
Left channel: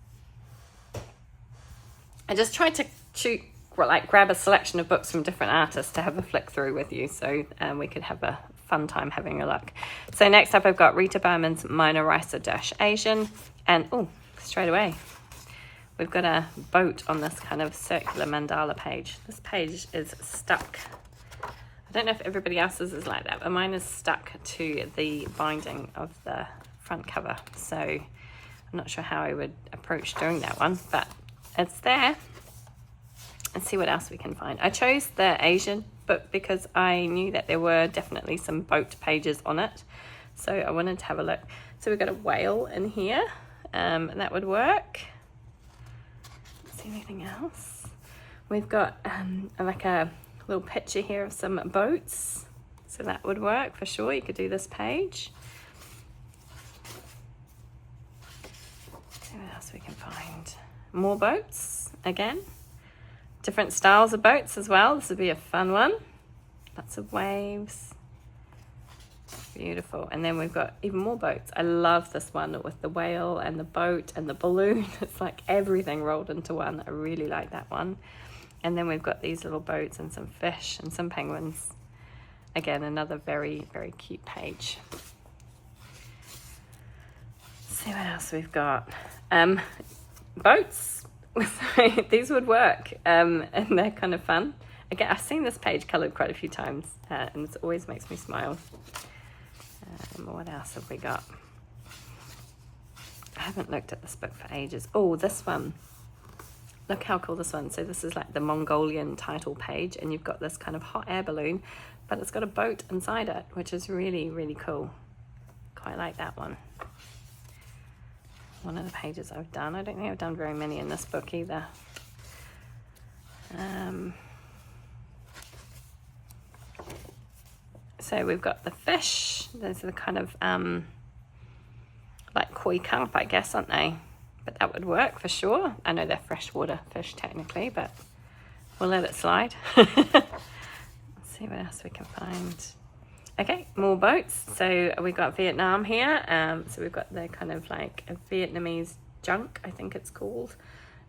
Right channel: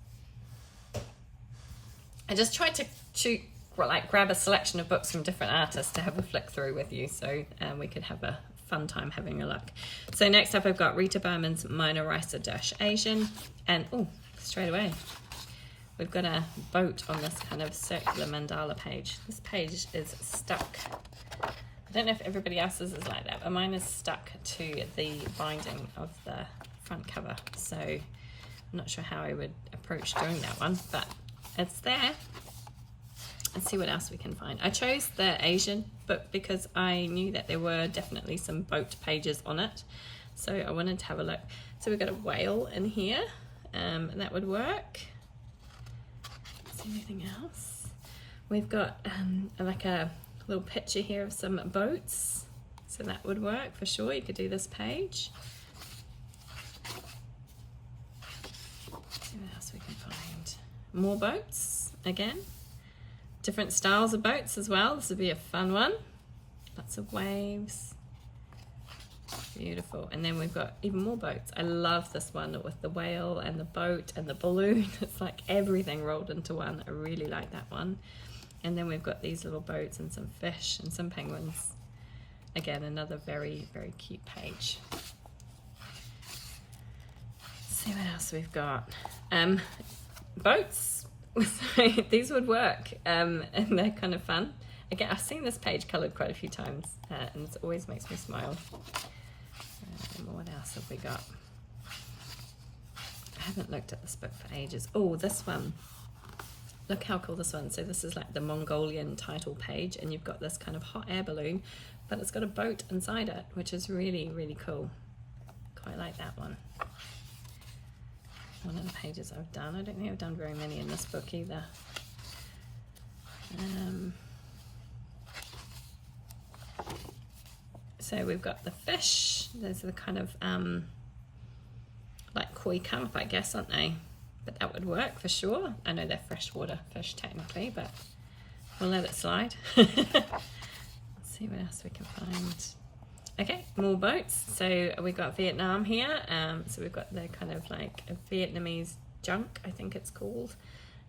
I just tried to grab a selection of books from different artists to have a flick through with you, so we could have a fun time having a look. So next up, I've got Rita Berman's Minor Ricer-Asian, and oh, straight away, we've got a boat on this kind of circular mandala page. This page is stuck. I don't know if everybody else's is like that, but mine is stuck to the binding of the front cover. So I'm not sure how I would approach doing that one, but it's there. Let's see what else we can find. I chose the Asian book because I knew that there were definitely some boat pages on it. So I wanted to have a look. So we've got a whale in here, and that would work. Anything else? We've got like a little picture here of some boats, so that would work for sure. You could do this page. See what else we can find. More boats again, different styles of boats as well. This would be a fun one. Lots of waves. Beautiful. And then we've got even more boats. I love this one with the whale and the boat and the balloon. It's like everything rolled into one. I really like that one. And then we've got these little boats and some fish and some penguins. Again, another very, very cute page. Let's see what else we've got. Boats. These would work, and they're kind of fun. Again, I've seen this page coloured quite a few times, and it always makes me smile. What else have we got? I haven't looked at this book for ages. Oh, this one. Look how cool this one. So this is like the Mongolian title page, and you've got this kind of hot air balloon, but it's got a boat inside it, which is really, really cool. Quite like that one. One of the pages I've done. I don't think I've done very many in this book either. So we've got the fish. Those are the kind of like koi carp, I guess, aren't they? But that would work for sure. I know they're freshwater fish technically, but we'll let it slide. Let's see what else we can find. Okay, more boats. So we got Vietnam here. So we've got the kind of like a Vietnamese junk, I think it's called.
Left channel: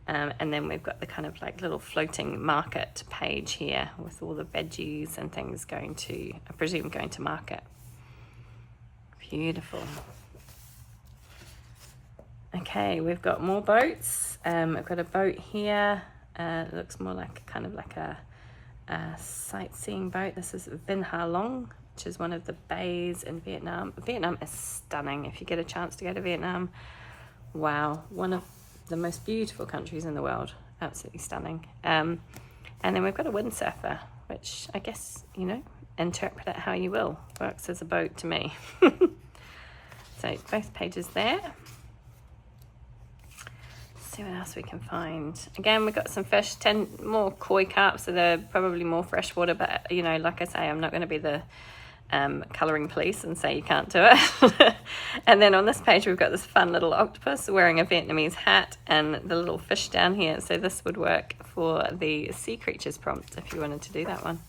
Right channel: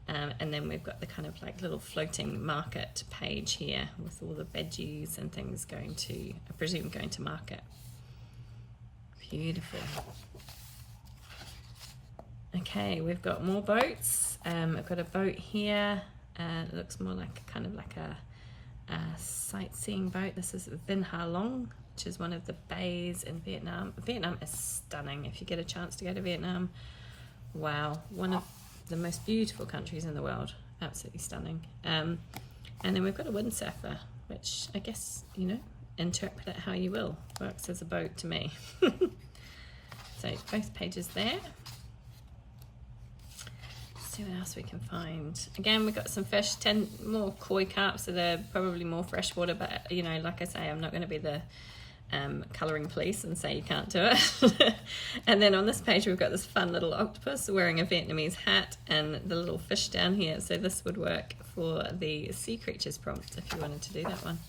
And then we've got the kind of like little floating market page here with all the veggies and things going to, I presume, going to market. Beautiful. Okay, we've got more boats. I've got a boat here. It looks more like kind of like a sightseeing boat. This is Vinh Ha Long, which is one of the bays in Vietnam. Vietnam is stunning. If you get a chance to go to Vietnam, wow, one of the most beautiful countries in the world. Absolutely stunning. And then we've got a windsurfer, which I guess, you know, interpret it how you will. Works as a boat to me. So both pages there. See what else we can find. Again, we've got some fish, 10 more koi carps that are probably more freshwater, but you know, like I say, I'm not going to be the colouring police and say you can't do it. And then on this page we've got this fun little octopus wearing a Vietnamese hat and the little fish down here. So this would work for the sea creatures prompt if you wanted to do that one.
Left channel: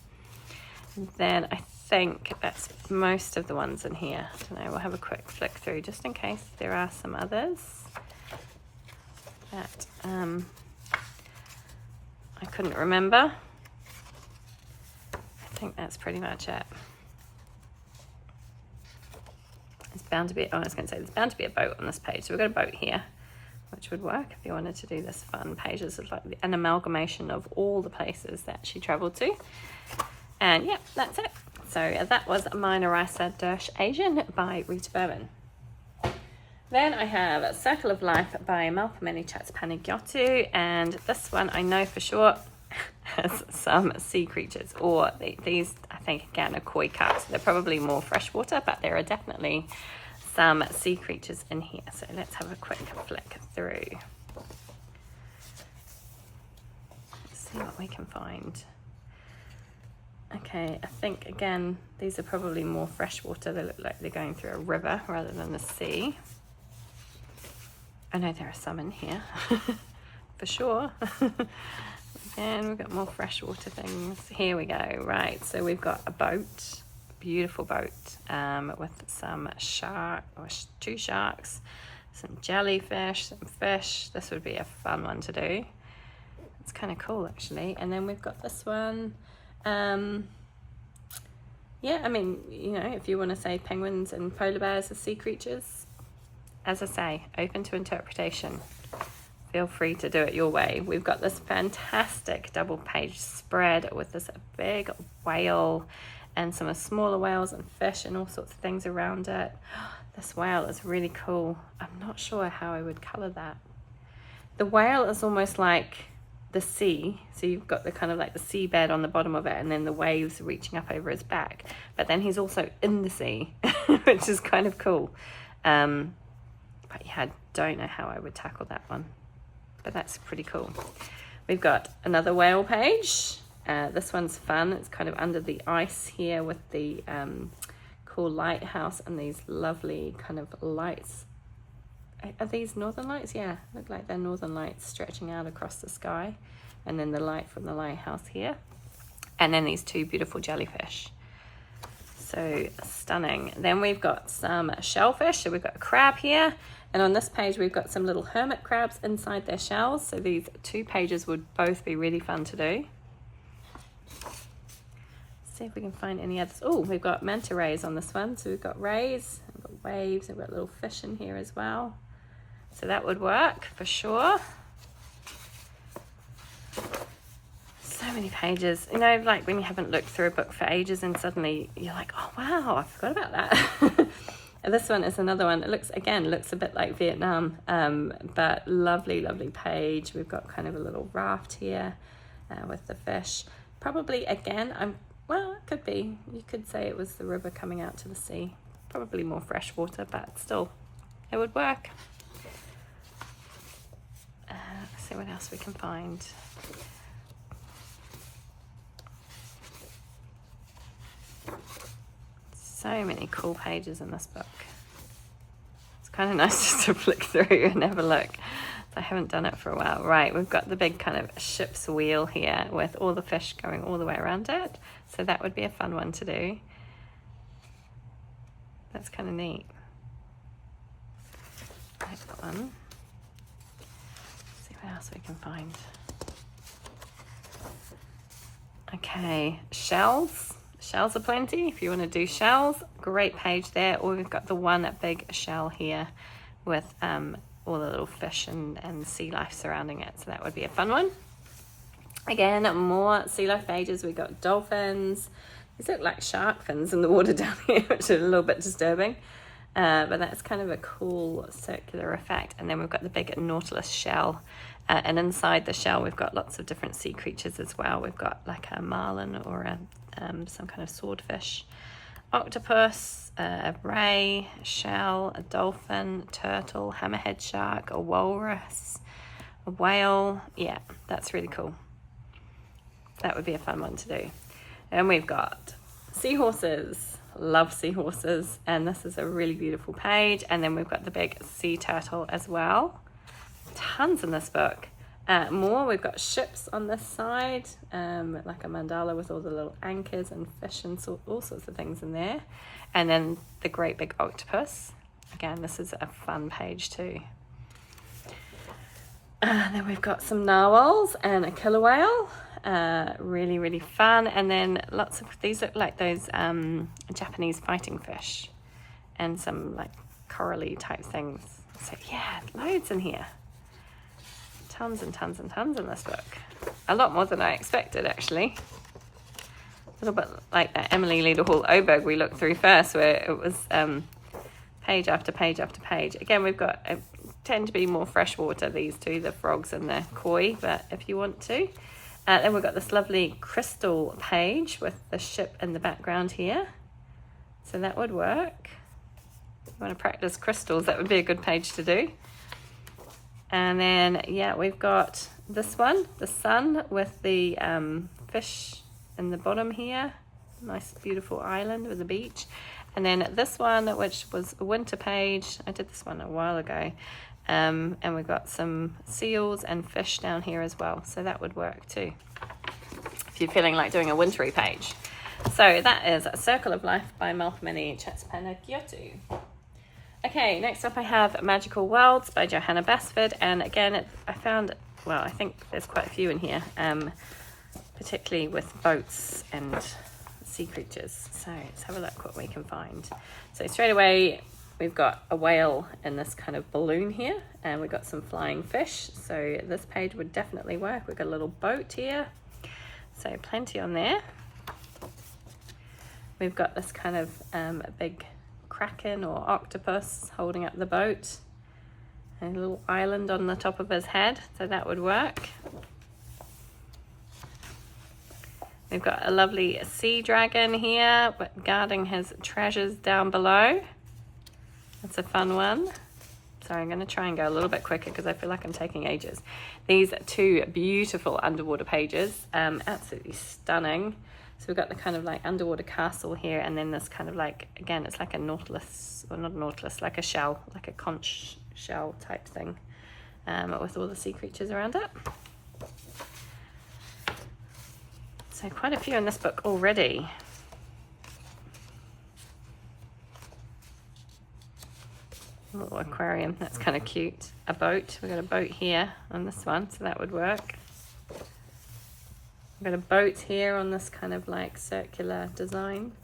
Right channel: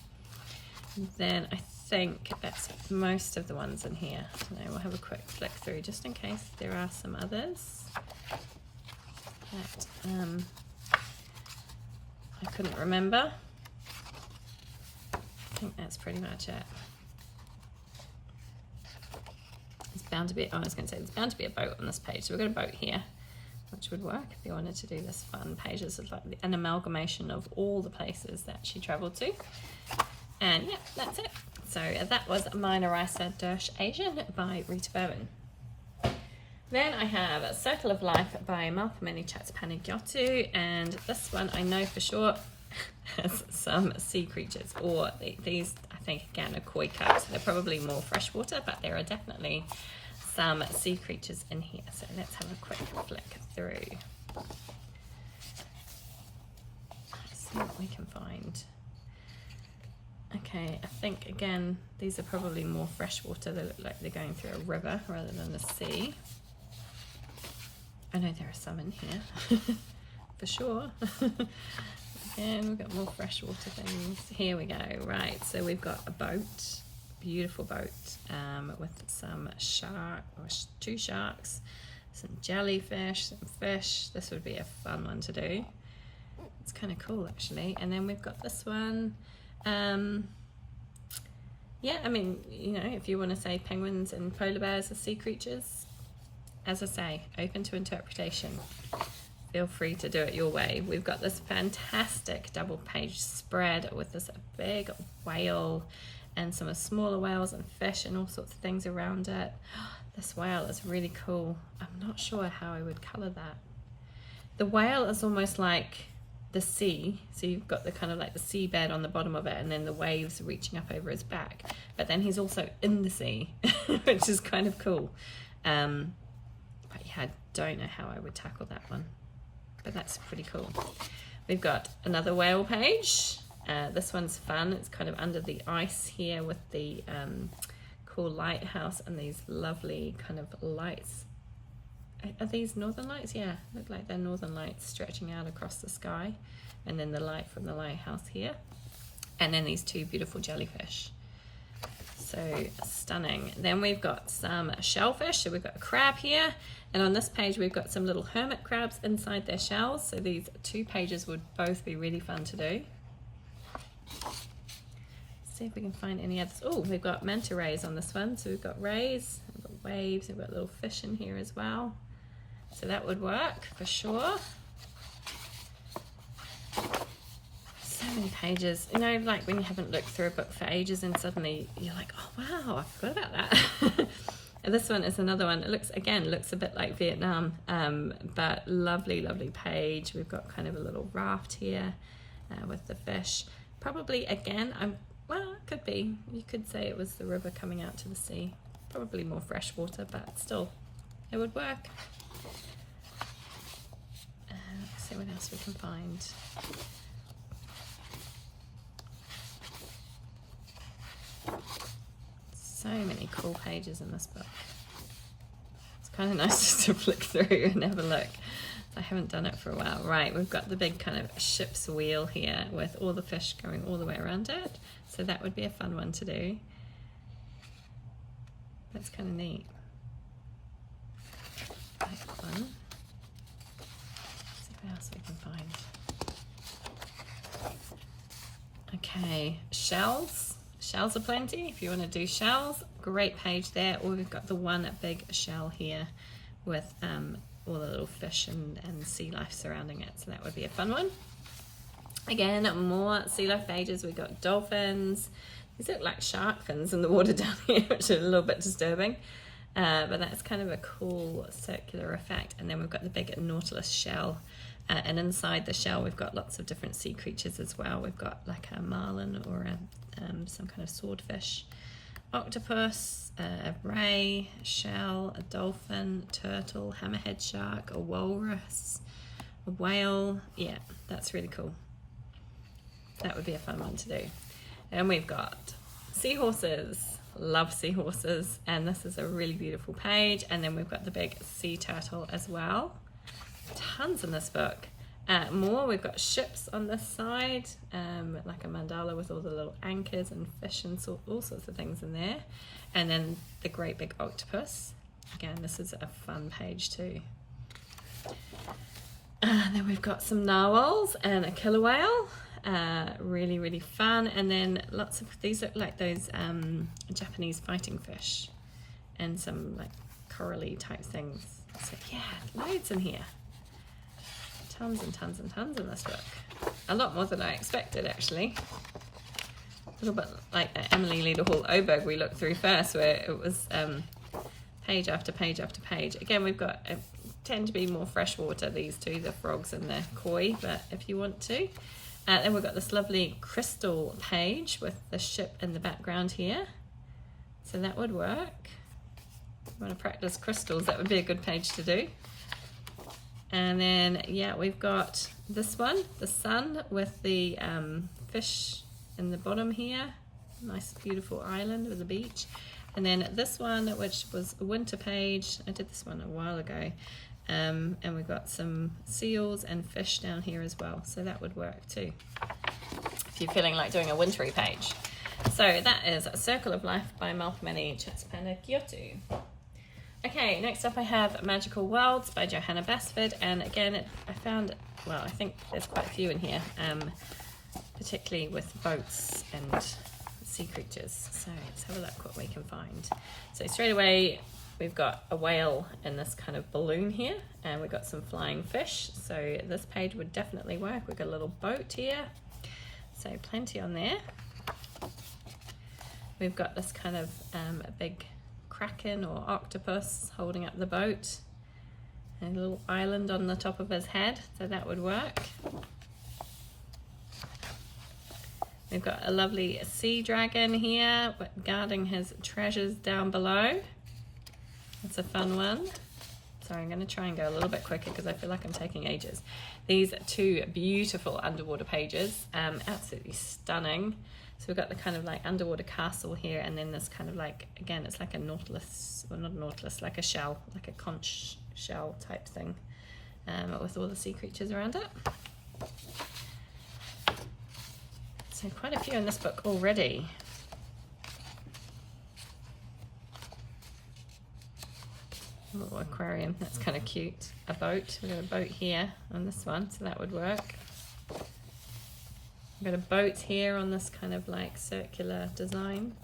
And then I think that's most of the ones in here. So we'll have a quick flick through just in case there are some others that I couldn't remember. I think that's pretty much it. It's bound to be, oh, I was going to say, there's bound to be a boat on this page. So we've got a boat here, which would work if you wanted to do this fun page. This is like an amalgamation of all the places that she travelled to. And yeah, that's it. So that was Meine Reise durch Asien by Rita Berman. Then I have A Circle of Life by Malcolm Chatspanagiotou, and this one I know for sure has some sea creatures, or these I think again are koi carps. They're probably more freshwater, but there are definitely some sea creatures in here. So let's have a quick flick through. Let's see what we can find. Okay, I think again these are probably more freshwater. They look like they're going through a river rather than the sea. I know there are some in here for sure. Again, we've got more freshwater things. Here we go. Right, so we've got a boat, beautiful boat, with some two sharks, some jellyfish, some fish. This would be a fun one to do. It's kind of cool actually. And then we've got this one. Yeah, I mean, you know, if you want to say penguins and polar bears are sea creatures, as I say, open to interpretation. Feel free to do it your way. We've got this fantastic double page spread with this big whale and some smaller whales and fish and all sorts of things around it. This whale is really cool. I'm not sure how I would colour that. The whale is almost like the sea. So you've got the kind of like the seabed on the bottom of it and then the waves reaching up over his back. But then he's also in the sea, which is kind of cool. But yeah, I don't know how I would tackle that one. But that's pretty cool. We've got another whale page. This one's fun. It's kind of under the ice here with the cool lighthouse and these lovely kind of lights. Are these northern lights? Yeah, look like they're northern lights stretching out across the sky. And then the light from the lighthouse here. And then these two beautiful jellyfish. So stunning. Then we've got some shellfish. So we've got a crab here. And on this page, we've got some little hermit crabs inside their shells. So these two pages would both be really fun to do. See if we can find any others. Oh, we've got manta rays on this one. So we've got rays, we've got waves, we've got little fish in here as well. So that would work for sure. So many pages. You know, like when you haven't looked through a book for ages and suddenly you're like, oh wow, I forgot about that. And this one is another one. It looks a bit like Vietnam, but lovely, lovely page. We've got kind of a little raft here with the fish. Probably again, well, it could be. You could say it was the river coming out to the sea. Probably more fresh water, but still, it would work. Let's see what else we can find. So many cool pages in this book. It's kind of nice just to flick through and have a look. I haven't done it for a while. Right, we've got the big kind of ship's wheel here with all the fish going all the way around it. So that would be a fun one to do. That's kind of neat. Next one. Let's see what else we can find. Okay, shells. Shells are plenty. If you want to do shells, great page there. Or we've got the one big shell here with all the little fish and sea life surrounding it. So that would be a fun one. Again, more sea life pages. We've got dolphins. These look like shark fins in the water down here, which is a little bit disturbing. But that's kind of a cool circular effect. And then we've got the big nautilus shell. And inside the shell, we've got lots of different sea creatures as well. We've got like a marlin or some kind of swordfish, octopus, a ray, a shell, a dolphin, turtle, hammerhead shark, a walrus, a whale. Yeah, that's really cool. That would be a fun one to do. And we've got seahorses. Love seahorses. And this is a really beautiful page. And then we've got the big sea turtle as well. Tons in this book. More, we've got ships on this side, like a mandala with all the little anchors and fish and all sorts of things in there. And then the great big octopus. Again, this is a fun page too. Then we've got some narwhals and a killer whale. Really, really fun. And then lots of, these look like those Japanese fighting fish. And some like corally type things. So yeah, loads in here. Tons and tons and tons in this book. A lot more than I expected, actually. A little bit like that Emily Leda Hall Oberg we looked through first, where it was page after page after page. Again, we've got, tend to be more freshwater, these two, the frogs and the koi, but if you want to. Then we've got this lovely crystal page with the ship in the background here. So that would work. If you want to practice crystals, that would be a good page to do. And then, yeah, we've got this one, the sun with the fish in the bottom here. Nice, beautiful island with a beach. And then this one, which was a winter page. I did this one a while ago. And we've got some seals and fish down here as well. So that would work too, if you're feeling like doing a wintry page. So that is A Circle of Life by Malpamini Chatspana-Kyoto. Okay, next up I have Magical Worlds by Johanna Basford, and again I found, well, I think there's quite a few in here, particularly with boats and sea creatures. So let's have a look what we can find. So straight away we've got a whale in this kind of balloon here, and we've got some flying fish, so this page would definitely work. We've got a little boat here, so plenty on there. We've got this kind of a big kraken or octopus holding up the boat, and a little island on the top of his head, so that would work. We've got a lovely sea dragon here guarding his treasures down below. That's a fun one. Sorry, I'm going to try and go a little bit quicker because I feel like I'm taking ages. These two beautiful underwater pages, absolutely stunning. So we've got the kind of like underwater castle here, and then this kind of like, again, it's like a nautilus, or not a nautilus, like a shell, like a conch shell type thing, with all the sea creatures around it. So quite a few in this book already. A little aquarium, that's kind of cute. A boat, we've got a boat here on this one, so that would work. We've got a boat here on this kind of like circular design.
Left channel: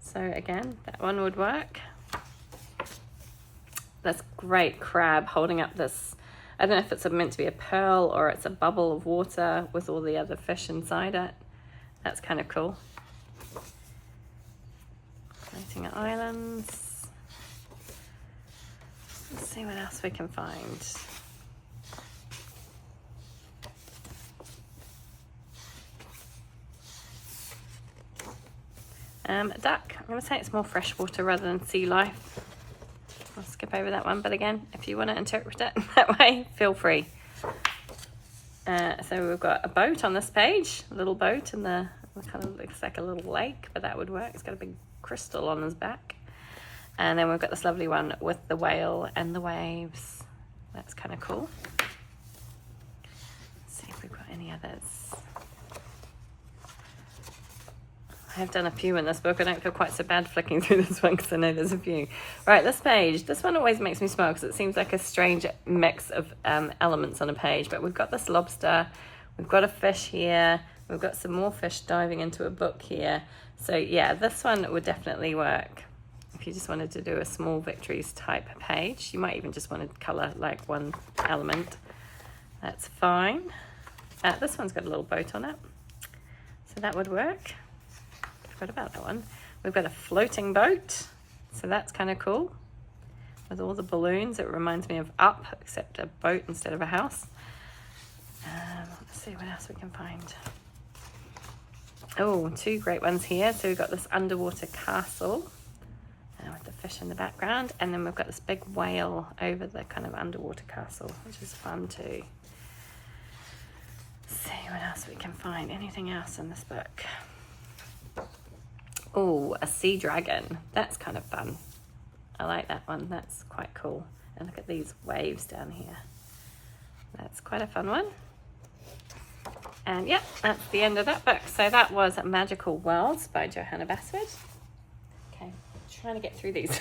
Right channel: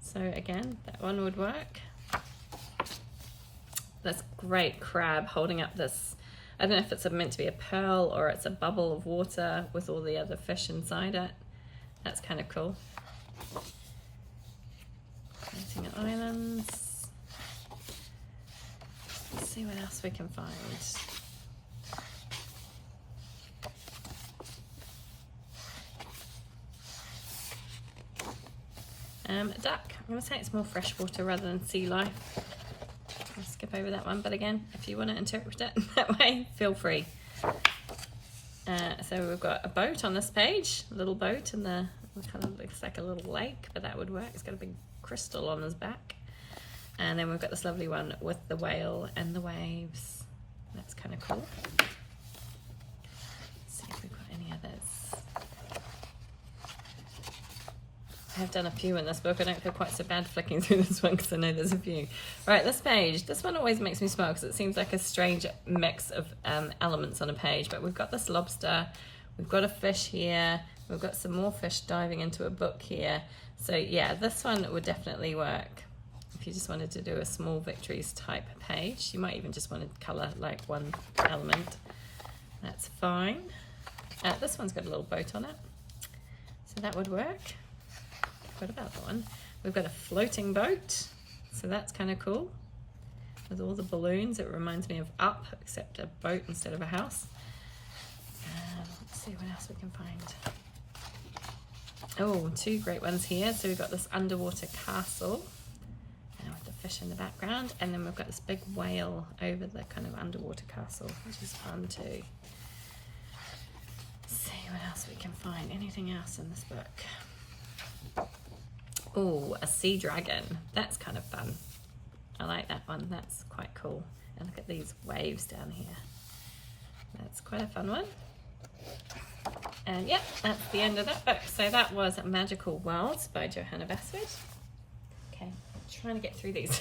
So again, that one would work. That's great crab holding up this, I don't know if it's meant to be a pearl or it's a bubble of water with all the other fish inside it. That's kind of cool. Floating islands. Let's see what else we can find. A duck. I'm going to say it's more freshwater rather than sea life. I'll skip over that one, but again, if you want to interpret it that way, feel free. So we've got a boat on this page, a little boat, and it kind of looks like a little lake, but that would work. It's got a big crystal on his back. And then we've got this lovely one with the whale and the waves. That's kind of cool. Let's see if we've got any others. I've done a few in this book. I don't feel quite so bad flicking through this one because I know there's a few. Right, this page. This one always makes me smile because it seems like a strange mix of elements on a page. But we've got this lobster. We've got a fish here. We've got some more fish diving into a book here. So yeah, this one would definitely work. If you just wanted to do a small victories type page, you might even just want to colour like one element. That's fine. This one's got a little boat on it, so that would work. Forgot about that one. We've got a floating boat, so that's kind of cool. With all the balloons, it reminds me of Up, except a boat instead of a house. Let's see what else we can find. Oh, two great ones here. So we've got this underwater castle with the fish in the background, and then we've got this big whale over the kind of underwater castle, which is fun too. Let's see what else we can find. Anything else in this book? Oh, a sea dragon. That's kind of fun. I like that one. That's quite cool. And look at these waves down here. That's quite a fun one. And yeah, that's the end of that book. So that was Magical Worlds by Johanna Basford. Okay, trying to get through these.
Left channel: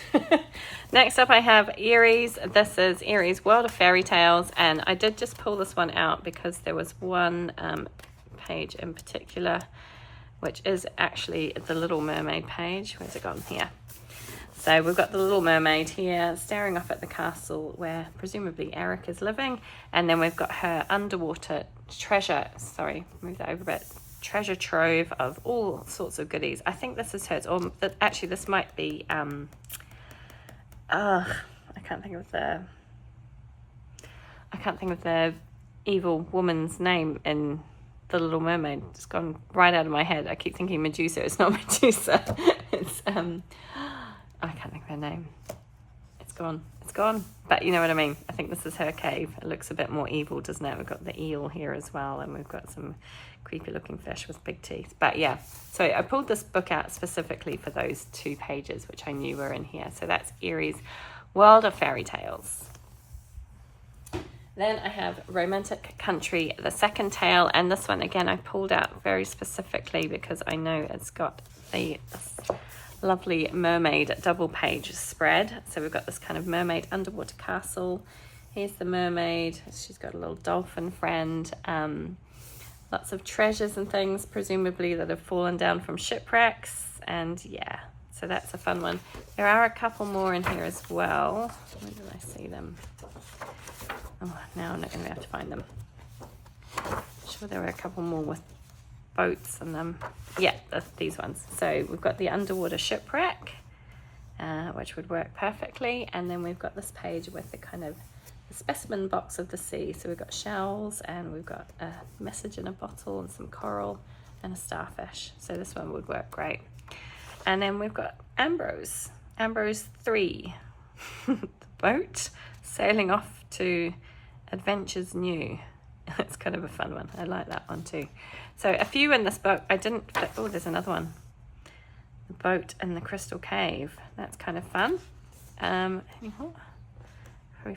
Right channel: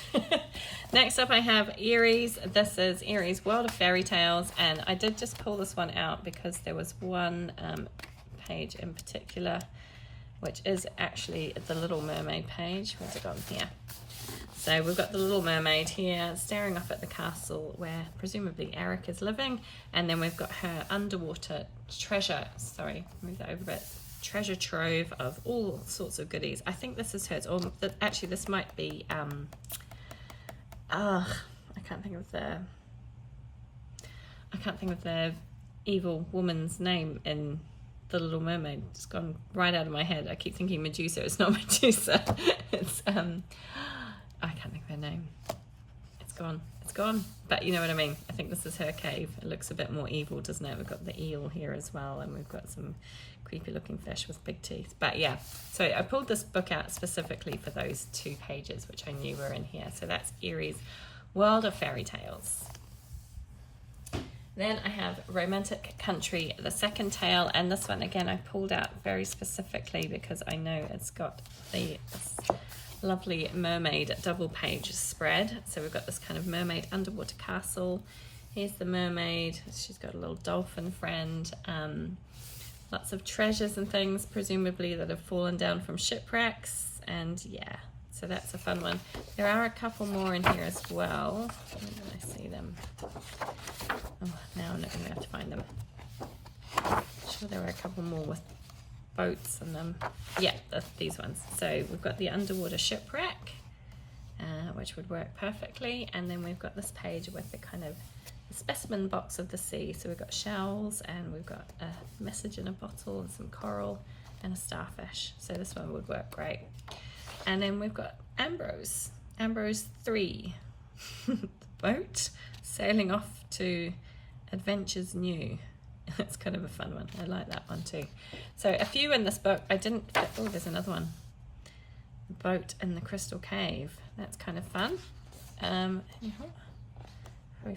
Next up I have Eeries. This is Eeries World of Fairy Tales, and I did just pull this one out because there was one page in particular, which is actually the Little Mermaid page. Where's it gone? Here. So we've got the Little Mermaid here staring up at the castle where presumably Eric is living, and then we've got her underwater treasure, sorry, move that over a bit, treasure trove of all sorts of goodies. I think this is hers, or actually this might be, I can't think of the evil woman's name in The Little Mermaid. It's gone right out of my head. I keep thinking Medusa. It's not Medusa. It's I can't think of her name. It's gone. But you know what I mean. I think this is her cave. It looks a bit more evil, doesn't it? We've got the eel here as well, and we've got some creepy looking fish with big teeth. But yeah, so I pulled this book out specifically for those two pages, which I knew were in here. So that's Eeries World of Fairy Tales. Then I have Romantic Country, the second tale, and this one again I pulled out very specifically because I know it's got the lovely mermaid double page spread. So we've got this kind of mermaid underwater castle. Here's the mermaid. She's got a little dolphin friend. Lots of treasures and things, presumably that have fallen down from shipwrecks. And yeah, so that's a fun one. There are a couple more in here as well. Where do I see them? Oh, now I'm not going to be able to find them. I'm sure there were a couple more with boats and them. Yeah, these ones. So we've got the underwater shipwreck, which would work perfectly. And then we've got this page with the kind of the specimen box of the sea. So we've got shells, and we've got a message in a bottle and some coral and a starfish. So this one would work great. And then we've got Ambrose 3, the boat, Sailing off to adventures new. It's kind of a fun one. I like that one too. So a few in this book I didn't, oh, there's another one. The boat in the crystal cave. That's kind of fun. Probably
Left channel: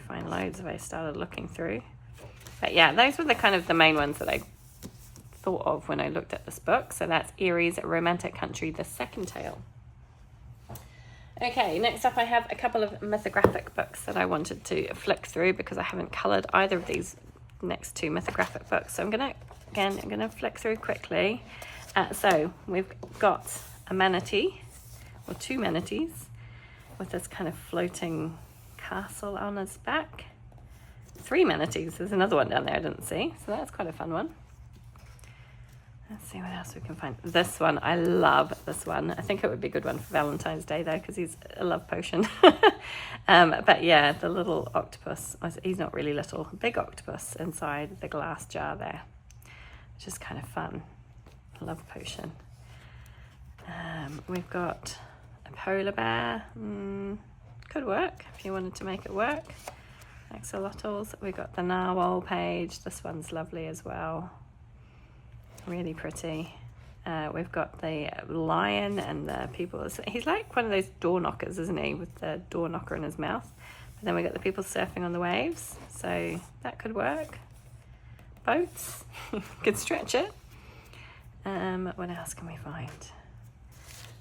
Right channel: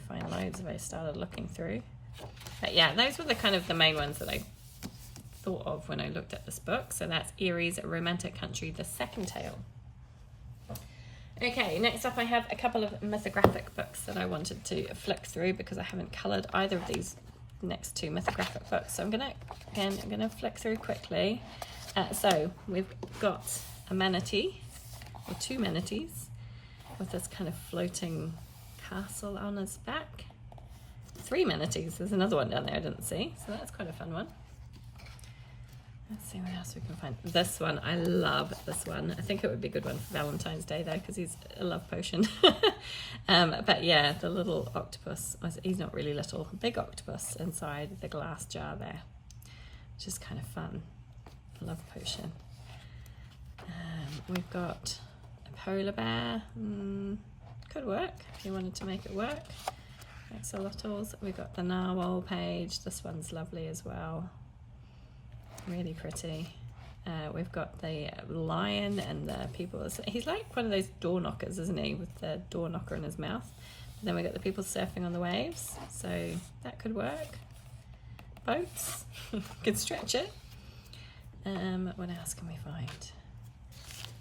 find loads if I started looking through. But yeah, those were the kind of the main ones that I thought of when I looked at this book. So that's Eeries, Romantic Country, the second tale. Okay, next up I have a couple of mythographic books that I wanted to flick through because I haven't coloured either of these next two mythographic books. So I'm gonna flick through quickly. So we've got a manatee, or two manatees, with this kind of floating castle on his back. Three manatees, there's another one down there I didn't see, so that's quite a fun one. Let's see what else we can find. This one, I love this one. I think it would be a good one for Valentine's Day though, because he's a love potion. But yeah, the little octopus, he's not really little, big octopus inside the glass jar there, which is kind of fun. Love potion. We've got a polar bear. Could work if you wanted to make it work. Axolotls. We've got the narwhal page. This one's lovely as well. Really pretty. We've got the lion and the people. He's like one of those door knockers, isn't he? With the door knocker in his mouth. And then we got the people surfing on the waves. So that could work. Boats. Could stretch it. What else can we find?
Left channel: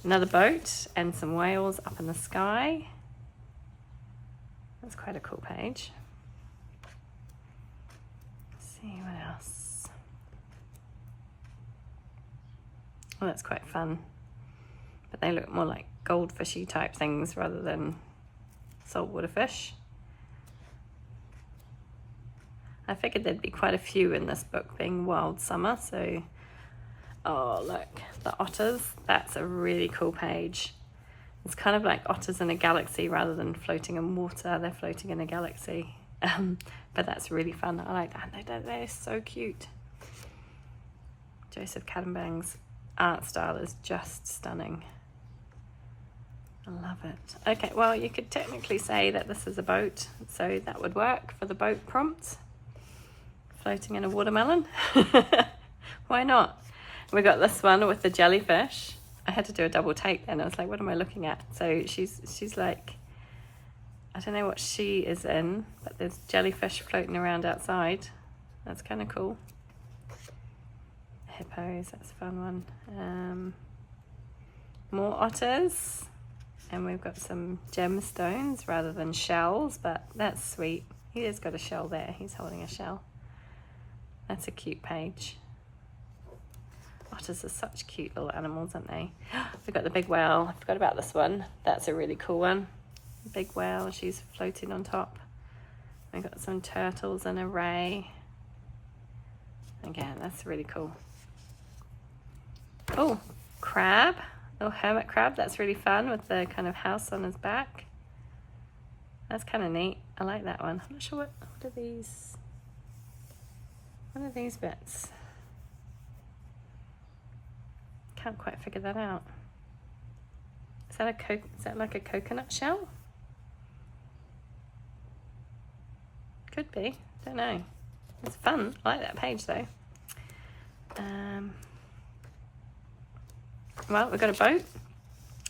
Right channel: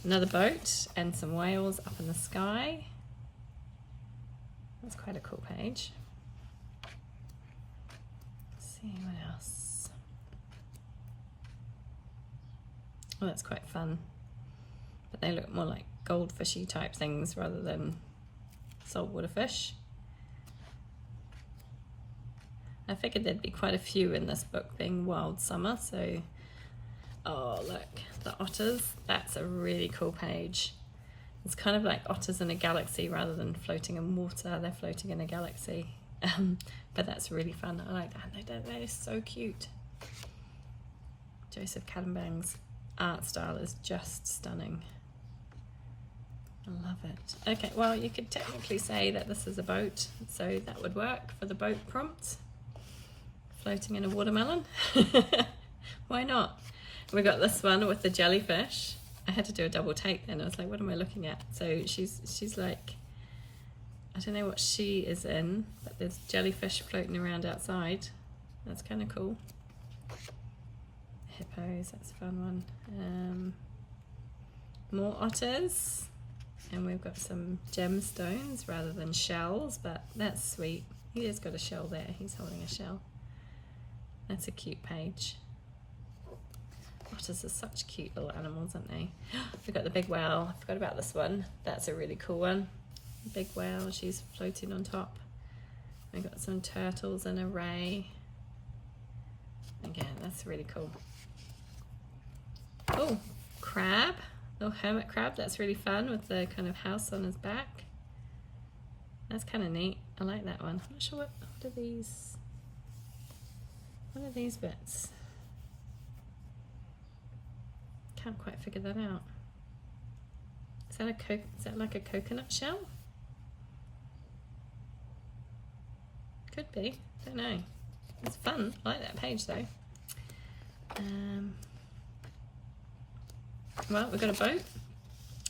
Another boat and some whales up in the sky. That's quite a cool page. Let's see what else. Well, that's quite fun. But they look more like goldfishy type things rather than saltwater fish. I figured there'd be quite a few in this book being wild summer, so oh look, the otters, that's a really cool page. It's kind of like otters in a galaxy rather than floating in water, they're floating in a galaxy. But that's really fun, I like that, they're so cute. Joseph Cadenbang's art style is just stunning. I love it. Okay, well you could technically say that this is a boat, so that would work for the boat prompt. Floating in a watermelon. Why not? We got this one with the jellyfish. I had to do a double take then. I was like, what am I looking at? So she's like, I don't know what she is in, but there's jellyfish floating around outside. That's kind of cool. Hippos, that's a fun one. More otters. And we've got some gemstones rather than shells, but that's sweet. He has got a shell there. He's holding a shell. That's a cute page. Otters are such cute little animals, aren't they? We've got the big whale. I forgot about this one. That's a really cool one. Big whale, she's floating on top. We've got some turtles in a ray. Again, that's really cool. Oh, crab. Little hermit crab. That's really fun with the kind of house on his back. That's kind of neat. I like that one. I'm not sure what are these. What are these bits? Can't quite figure that out. Is that like a coconut shell? Could be. Don't know. It's fun. I like that page though. Well, we've got a boat.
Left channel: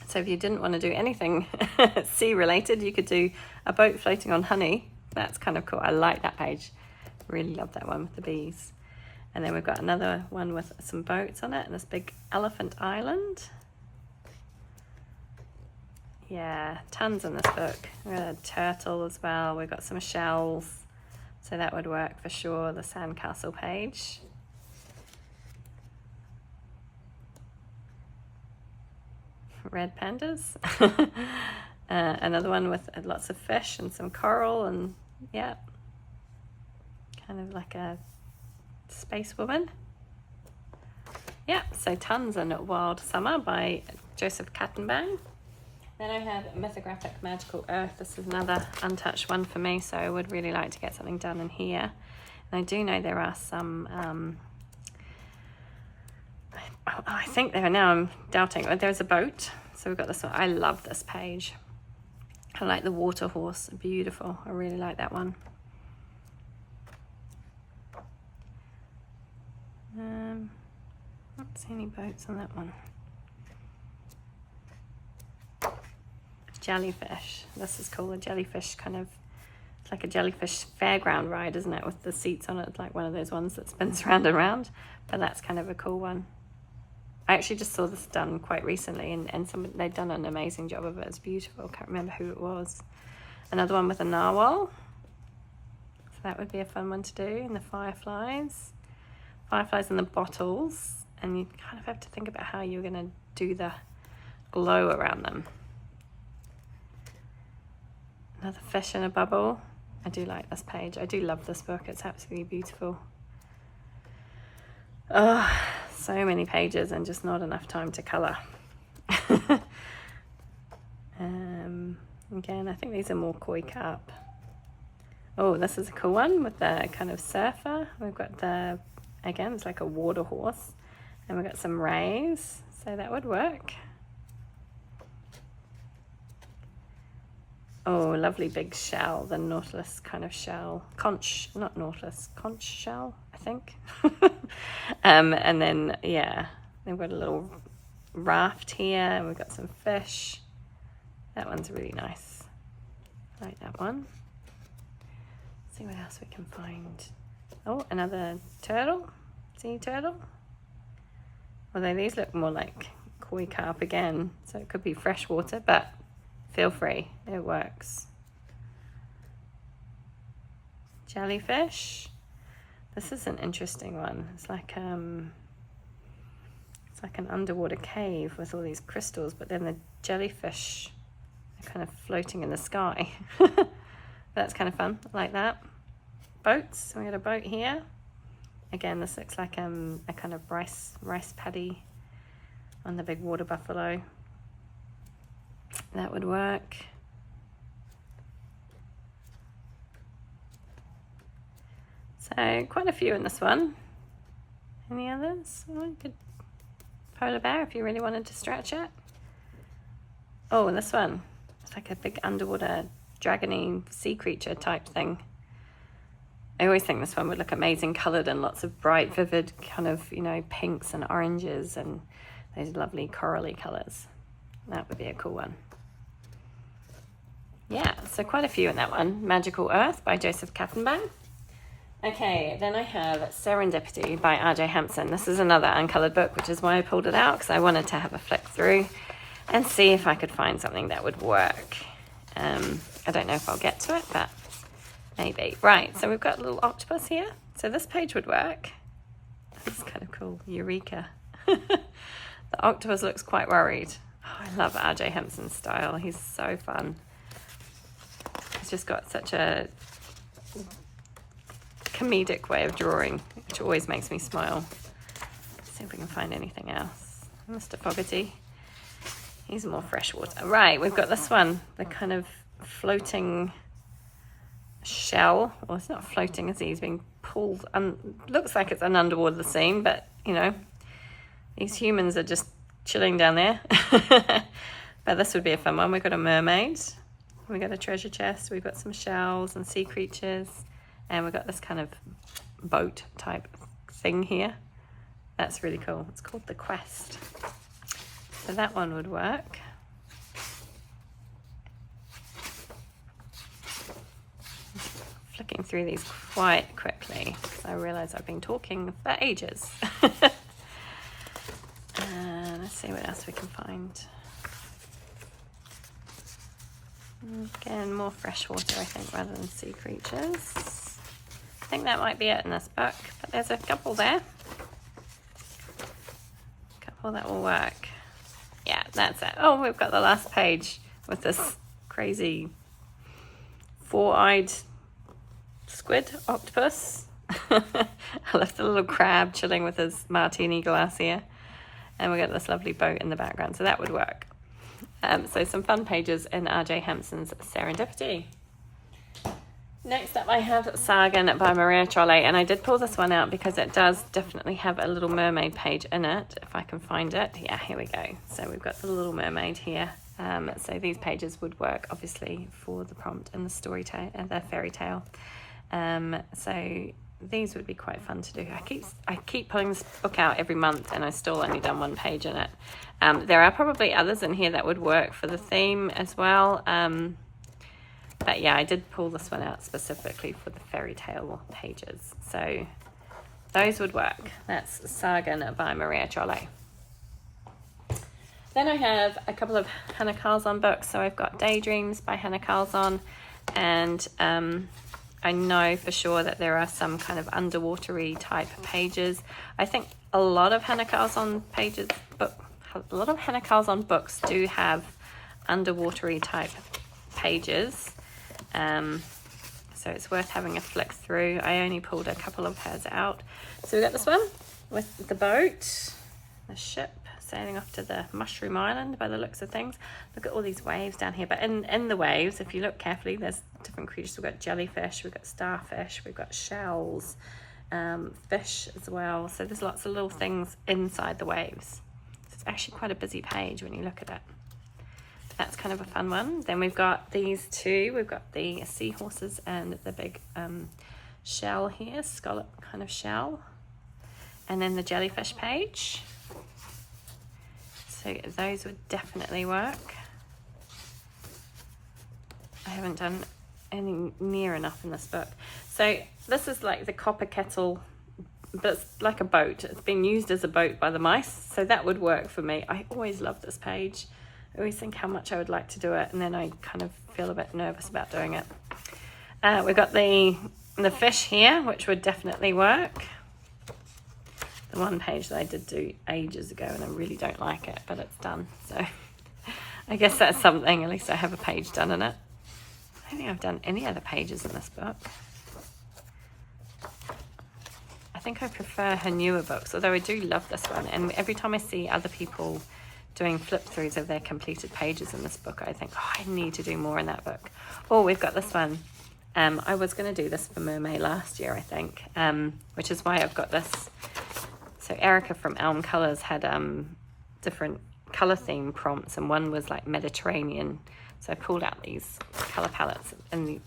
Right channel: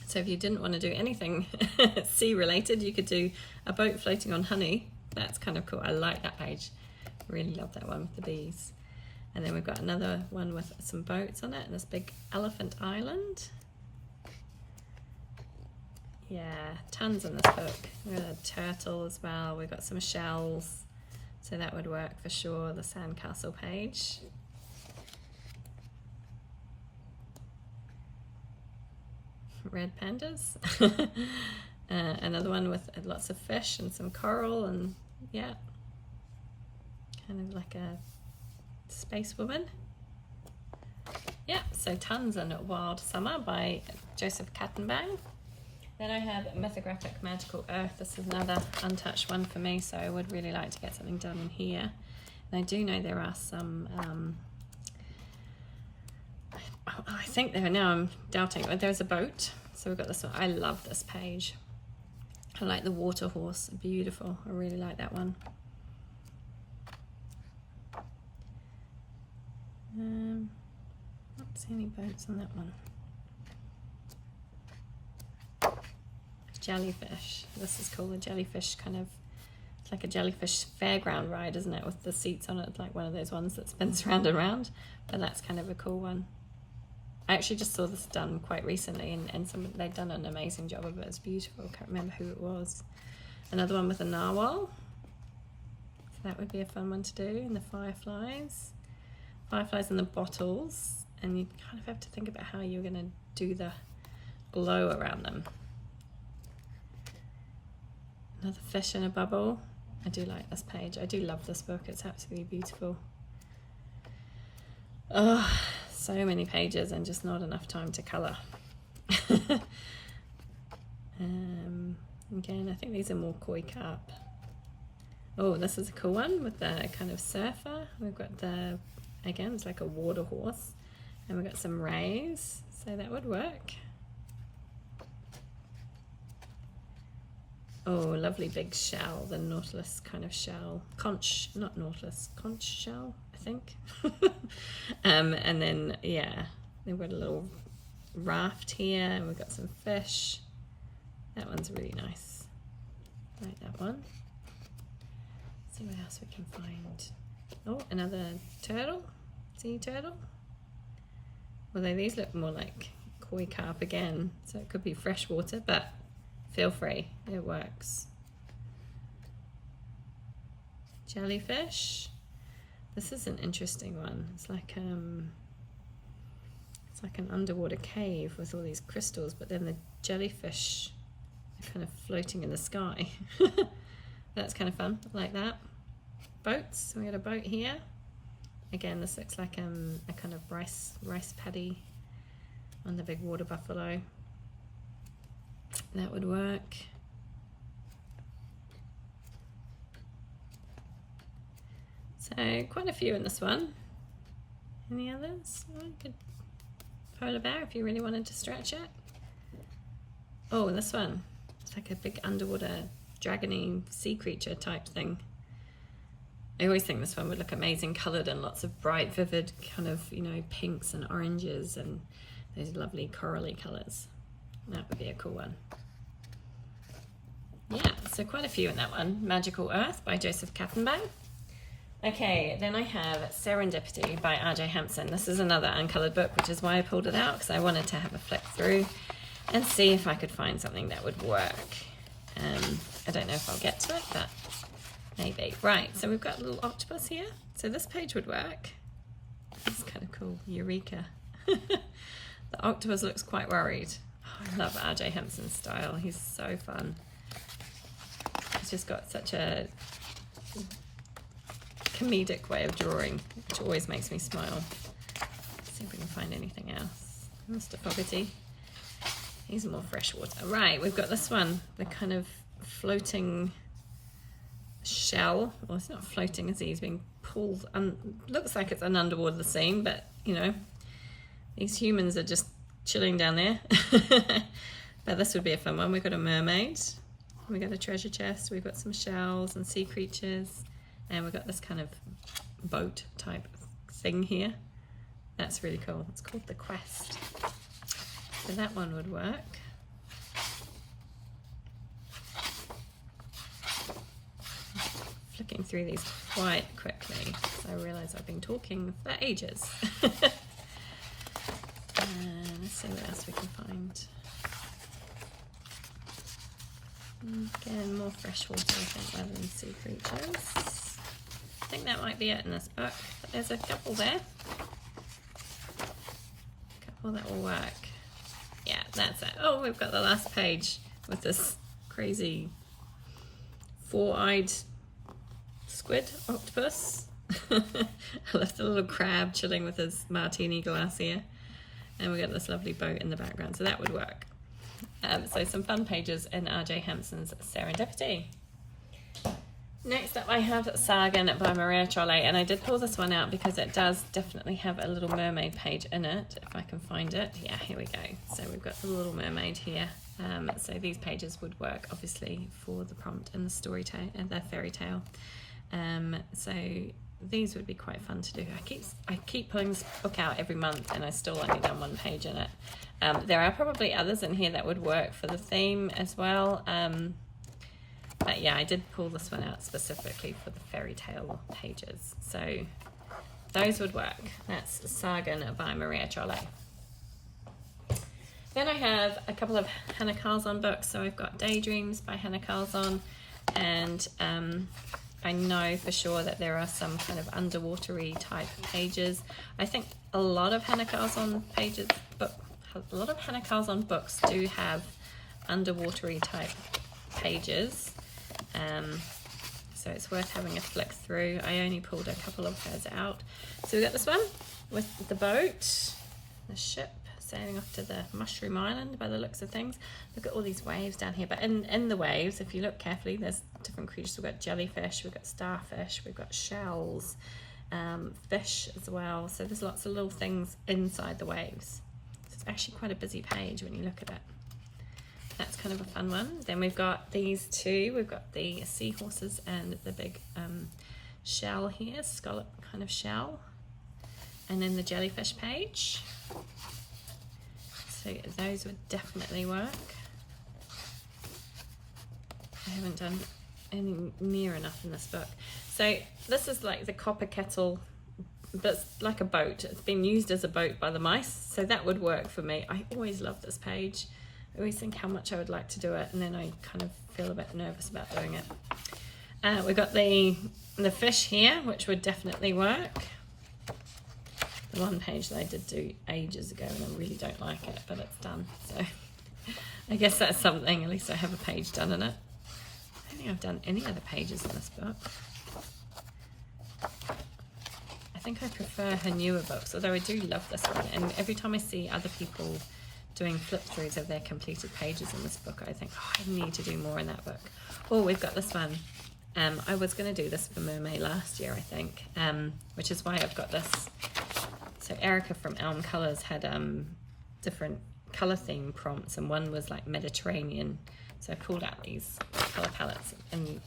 So if you didn't want to do anything sea related, you could do a boat floating on honey. That's kind of cool. I like that page. Really love that one with the bees. And then we've got another one with some boats on it and this big elephant island. Yeah, tons in this book. We've got a turtle as well. We've got some shells. So that would work for sure. The sandcastle page. Red pandas. Another one with lots of fish and some coral and yeah. Kind of like a space woman. Yeah, so tons in Wild Summer by Joseph Cadenbang. Then I have Mythographic Magical Earth. This is another untouched one for me, so I would really like to get something done in here. And I do know there are some, I think there are now, I'm doubting, but there's a boat. So we've got this one. I love this page. I like the water horse, beautiful. I really like that one. Not see any boats on that one. Jellyfish. This is cool. A jellyfish kind of, it's like a jellyfish fairground ride, isn't it? With the seats on it. It's like one of those ones that spins round and round. But that's kind of a cool one. I actually just saw this done quite recently, and they'd done an amazing job of it. It's beautiful. Can't remember who it was. Another one with a narwhal. So that would be a fun one to do. And the fireflies. Fireflies in the bottles. And you kind of have to think about how you're going to do the glow around them. Another fish in a bubble. I do like this page. I do love this book. It's absolutely beautiful. Oh, so many pages and just not enough time to colour. Again, I think these are more koi carp. Oh, this is a cool one with the kind of surfer. We've got the, again, it's like a water horse. And we've got some rays, so that would work. Oh, lovely big shell, the nautilus kind of shell. Conch, not nautilus, conch shell, I think. And then, yeah, they've got a little raft here, and we've got some fish. That one's really nice. I like that one. Let's see what else we can find. Oh, another turtle, sea turtle. Although these look more like koi carp again, so it could be freshwater, but feel free, it works. Jellyfish. This is an interesting one. It's like an underwater cave with all these crystals, but then the jellyfish are kind of floating in the sky. That's kind of fun. I like that. Boats. We got a boat here. Again, this looks like a kind of rice paddy on the big water buffalo. That would work. So quite a few in this one. Any others? Oh, good polar bear if you really wanted to stretch it. Oh, this one. It's like a big underwater dragony sea creature type thing. I always think this one would look amazing coloured in lots of bright, vivid kind of, you know, pinks and oranges and those lovely corally colours. That would be a cool one. Yeah, so quite a few in that one. Magical Earth by Joseph Kattenbach. Okay, then I have Serendipity by R.J. Hampson. This is another uncoloured book, which is why I pulled it out, because I wanted to have a flick through and see if I could find something that would work. I don't know if I'll get to it, but maybe. Right, so we've got a little octopus here. So this page would work. This is kind of cool. Eureka. The octopus looks quite worried. Oh, I love R.J. Hampson's style. He's so fun. He's just got such a comedic way of drawing, which always makes me smile. Let's see if we can find anything else. Mr. Fogarty. He's more freshwater. Right, we've got this one. The kind of floating shell. Well, it's not floating, is he? He's being pulled. Looks like it's an underwater scene, but, you know, these humans are just chilling down there. But this would be a fun one. We've got a mermaid. We've got a treasure chest. We've got some shells and sea creatures. And we've got this kind of boat type thing here. That's really cool. It's called The Quest. So that one would work. Flicking through these quite quickly. I realise I've been talking for ages. Let's see what else we can find. Again, more freshwater, I think, rather than sea creatures. I think that might be it in this book, but there's a couple there. A couple that will work. Yeah, that's it. Oh, we've got the last page with this crazy four-eyed squid octopus. I left a little crab chilling with his martini glass here. And we got this lovely boat in the background, so that would work. So some fun pages in R.J. Hampson's Serendipity. Next up I have Sargon by Maria Trolle, and I did pull this one out because it does definitely have a Little Mermaid page in it, if I can find it. Yeah, here we go. So we've got the Little Mermaid here. So these pages would work obviously for the prompt and the story tale and the fairy tale. So these would be quite fun to do. I keep pulling this book out every month and I still only done one page in it. There are probably others in here that would work for the theme as well. But yeah, I did pull this one out specifically for the fairy tale pages. So those would work. That's Sargon by Maria Trolle. Then I have a couple of Hannah Carlzon books. So I've got Daydreams by Hannah Carlzon, and I know for sure that there are some kind of underwatery type pages. I think a lot of Hannah Carlzon books do have underwatery type pages. So it's worth having a flick through. I only pulled a couple of hers out. So we got this one with the boat, the ship sailing off to the Mushroom Island by the looks of things. Look at all these waves down here. But in the waves, if you look carefully, there's different creatures. We've got jellyfish, we've got starfish, we've got shells, fish as well. So there's lots of little things inside the waves. So it's actually quite a busy page when you look at it. That's kind of a fun one. Then we've got these two. We've got the seahorses and the big shell here, scallop kind of shell. And then the jellyfish page. So those would definitely work. I haven't done any near enough in this book. So this is like the copper kettle, that's like a boat. It's been used as a boat by the mice. So that would work for me. I always love this page. I always think how much I would like to do it, and then I kind of feel a bit nervous about doing it. We've got the fish here, which would definitely work. The one page that I did do ages ago, and I really don't like it, but it's done. So I guess that's something. At least I have a page done in it. I don't think I've done any other pages in this book. I think I prefer her newer books, although I do love this one. And every time I see other people doing flip throughs of their completed pages in this book, I think, oh, I need to do more in that book. Oh, we've got this one. I was going to do this for Mermay last year, I think, which is why I've got this. So Erica from Elm Colours had different colour theme prompts, and one was like Mediterranean. So I called out these colour palettes and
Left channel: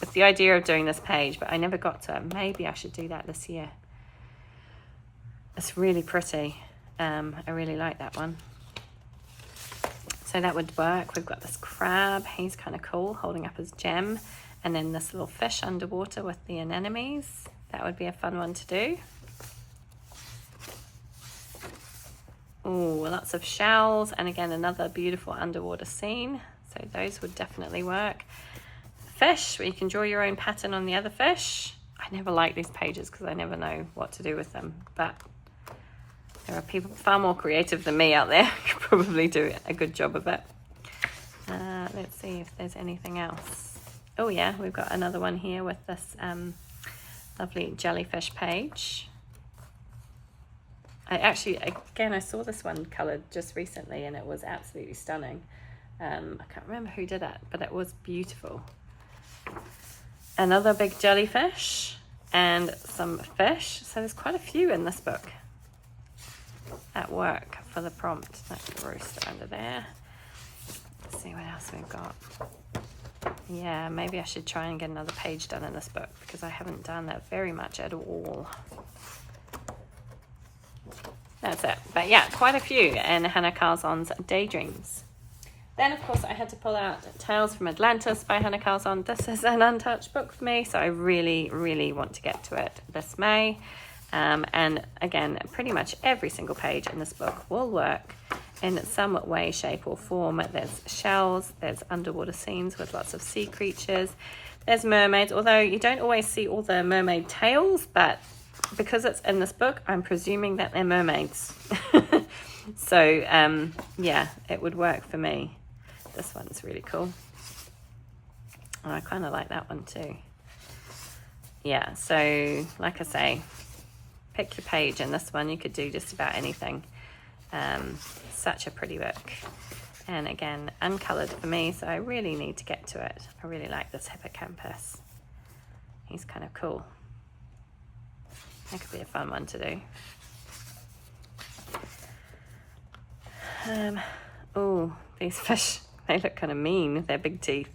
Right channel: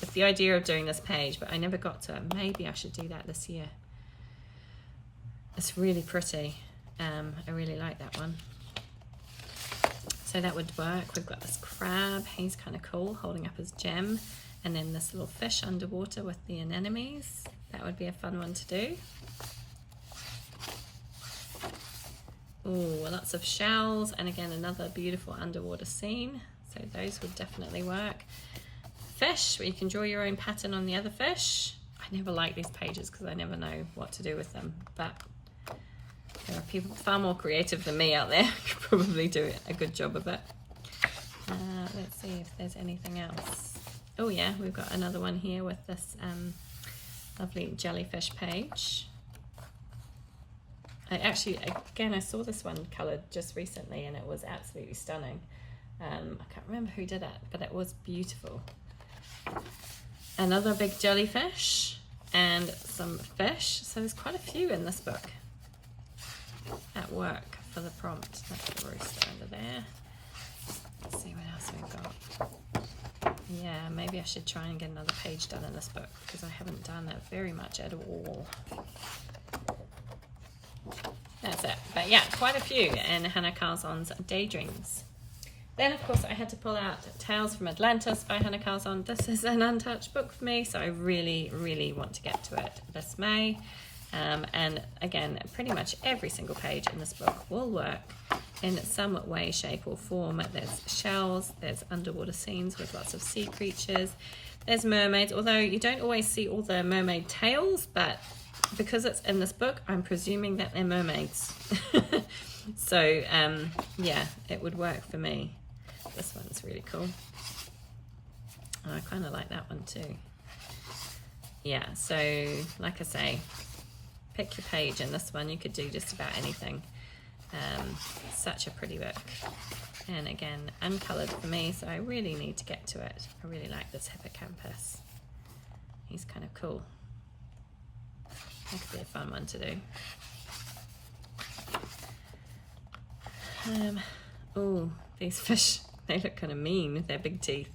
with the idea of doing this page, but I never got to it. Maybe I should do that this year. It's really pretty. I really like that one. So that would work. We've got this crab. He's kind of cool, holding up his gem. And then this little fish underwater with the anemones. That would be a fun one to do. Oh, lots of shells, and again another beautiful underwater scene. So those would definitely work. Fish, where you can draw your own pattern on the other fish. I never like these pages because I never know what to do with them, but there are people far more creative than me out there who could probably do a good job of it. Let's see if there's anything else. Oh yeah, we've got another one here with this lovely jellyfish page. I saw this one coloured just recently and it was absolutely stunning. I can't remember who did it, but it was beautiful. Another big jellyfish and some fish. So there's quite a few in this book at work for the prompt. That's the rooster under there. Let's see what else we've got. Yeah, maybe I should try and get another page done in this book because I haven't done that very much at all. That's it. But yeah, quite a few in Hannah Carlzon's Daydreams. Then, of course, I had to pull out Tales from Atlantis by Hannah Carlzon. This is an untouched book for me, so I really, really want to get to it this May. And again, pretty much every single page in this book will work in some way, shape or form. There's shells, there's underwater scenes with lots of sea creatures, there's mermaids, although you don't always see all the mermaid tails, but because it's in this book, I'm presuming that they're mermaids. So, yeah, it would work for me. This one's really cool. Oh, I kind of like that one too. Yeah, so like I say, pick your page in this one. You could do just about anything. Such a pretty book. And again, uncoloured for me, so I really need to get to it. I really like this hippocampus. He's kind of cool. That could be a fun one to do. Oh, these fish, they look kind of mean with their big teeth.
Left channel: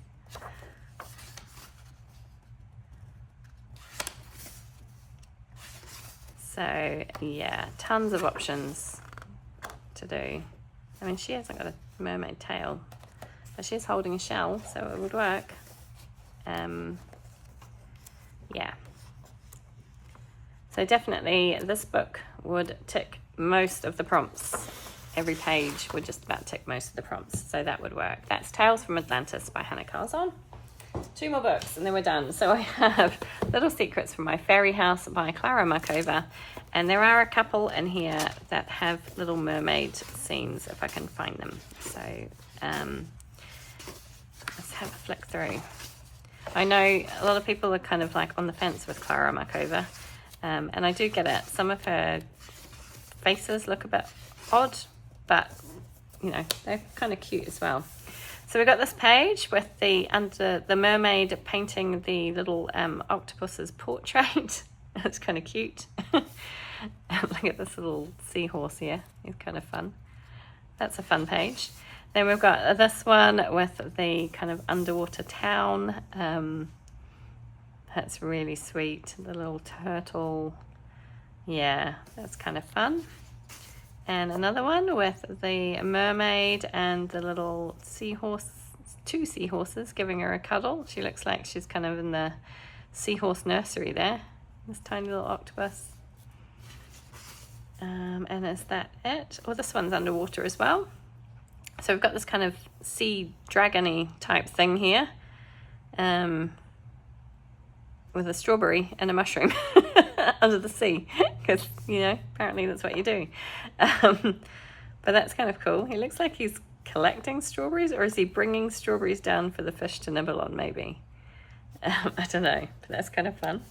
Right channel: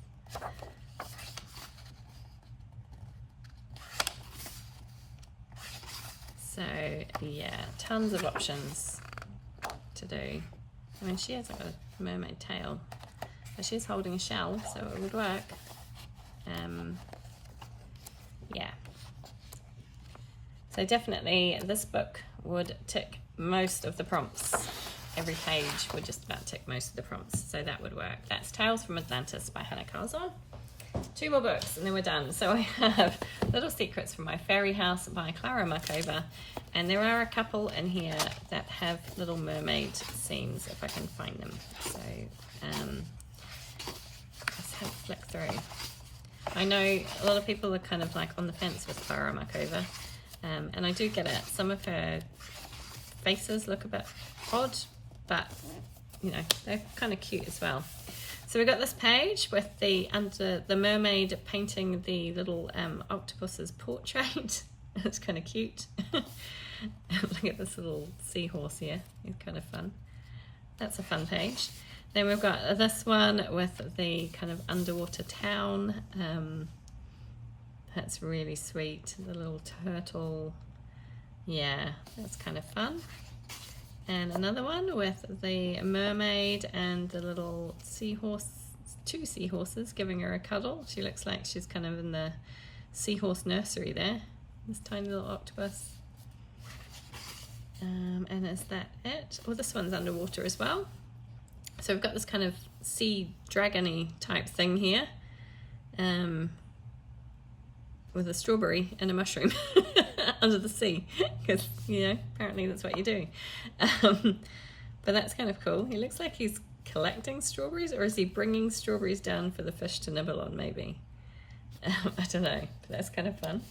So yeah, tons of options to do. I mean, she hasn't got a mermaid tail, but she's holding a shell, so it would work. Yeah. So definitely this book would tick most of the prompts. Every page would just about tick most of the prompts, so that would work. That's Tales from Atlantis by Hannah Carzon. 2 more books and then we're done. So I have Little Secrets from My Fairy House by Clara Markova, and there are a couple in here that have Little Mermaid scenes if I can find them. So let's have a flick through. I know a lot of people are kind of like on the fence with Clara Markova, and I do get it. Some of her faces look a bit odd, but you know, they're kind of cute as well. So we've got this page with the mermaid painting the little octopus's portrait. That's kind of cute. Look at this little seahorse here. It's kind of fun. That's a fun page. Then we've got this one with the kind of underwater town. That's really sweet. The little turtle. Yeah, that's kind of fun. And another one with the mermaid and the little seahorse, 2 seahorses giving her a cuddle. She looks like she's kind of in the seahorse nursery there. This tiny little octopus. And is that it? Well, this one's underwater as well. So we've got this kind of sea dragon-y type thing here, with a strawberry and a mushroom under the sea, because, you know, apparently that's what you do. But that's kind of cool. He looks like he's collecting strawberries, or is he bringing strawberries down for the fish to nibble on, maybe? I don't know, but that's kind of fun.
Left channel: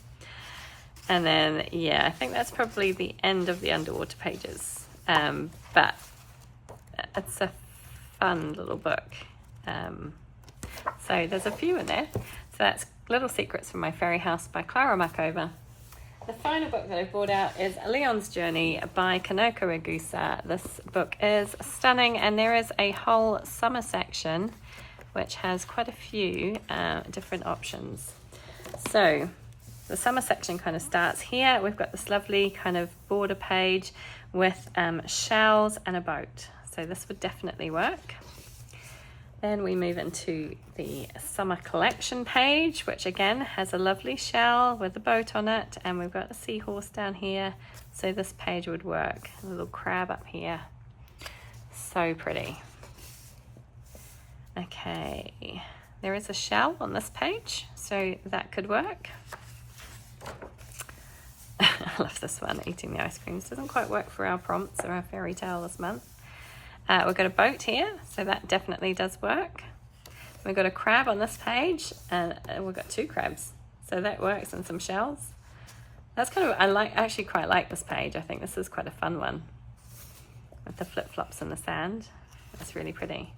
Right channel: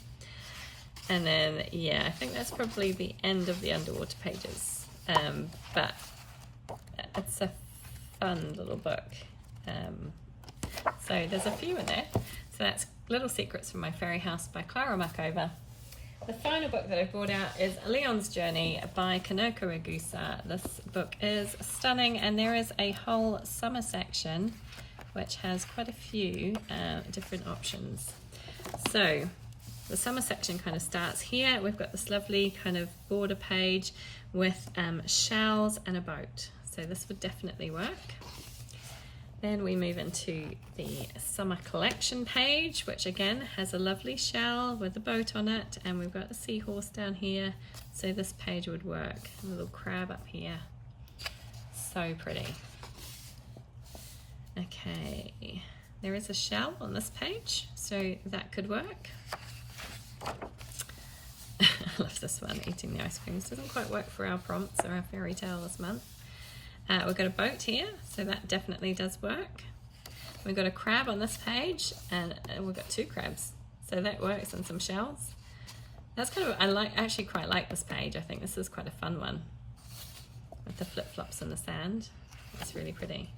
And then, yeah, I think that's probably the end of the underwater pages. But it's a fun little book. So there's a few in there. So that's Little Secrets from My Fairy House by Clara Markova. The final book that I brought out is Leon's Journey by Kanoko Ragusa. This book is stunning, and there is a whole summer section which has quite a few different options. So the summer section kind of starts here. We've got this lovely kind of border page with shells and a boat. So this would definitely work. Then we move into the summer collection page, which again has a lovely shell with a boat on it, and we've got a seahorse down here. So this page would work. A little crab up here. So pretty. Okay, there is a shell on this page, so that could work. I love this one, eating the ice creams. Doesn't quite work for our prompts or our fairy tale this month. We've got a boat here, so that definitely does work. We've got a crab on this page, and we've got 2 crabs, so that works, and some shells. That's kind of, actually quite like this page. I think this is quite a fun one with the flip-flops in the sand. That's really pretty.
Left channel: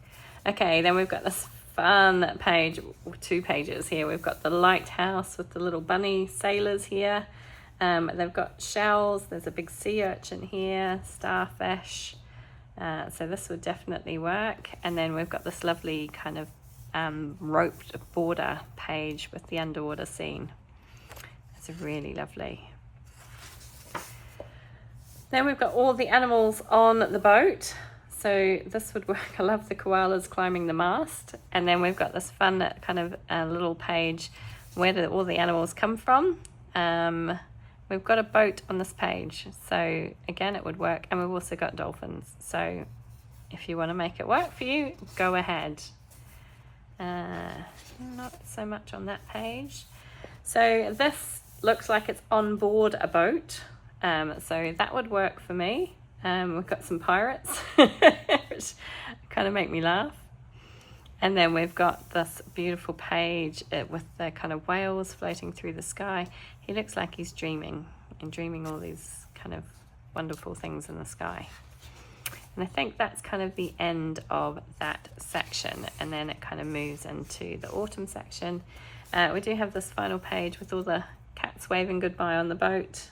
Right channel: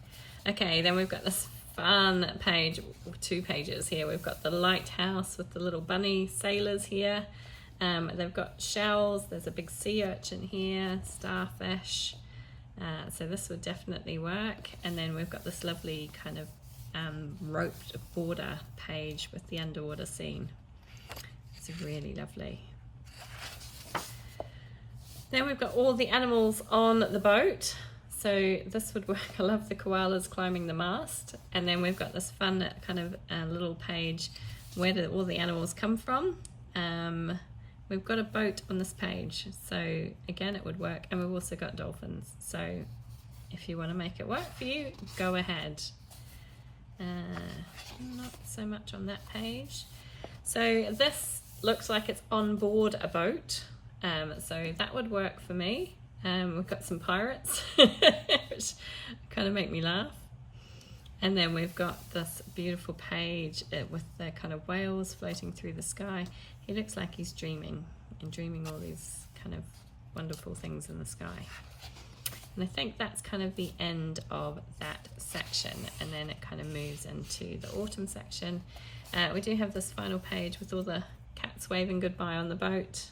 Okay, then we've got this fun page, 2 pages here. We've got the lighthouse with the little bunny sailors here. They've got shells. There's a big sea urchin here, starfish. So this would definitely work. And then we've got this lovely kind of roped border page with the underwater scene. It's really lovely. Then we've got all the animals on the boat. So this would work. I love the koalas climbing the mast. And then we've got this fun kind of little page where all the animals come from. We've got a boat on this page, so again it would work, and we've also got dolphins, so if you want to make it work for you, go ahead. Not so much on that page. So this looks like it's on board a boat, so that would work for me. We've got some pirates, which kind of make me laugh. And then we've got this beautiful page with the kind of whales floating through the sky. He looks like he's dreaming, and dreaming all these kind of wonderful things in the sky. And I think that's kind of the end of that section, and then it kind of moves into the autumn section. We do have this final page with all the cats waving goodbye on the boat.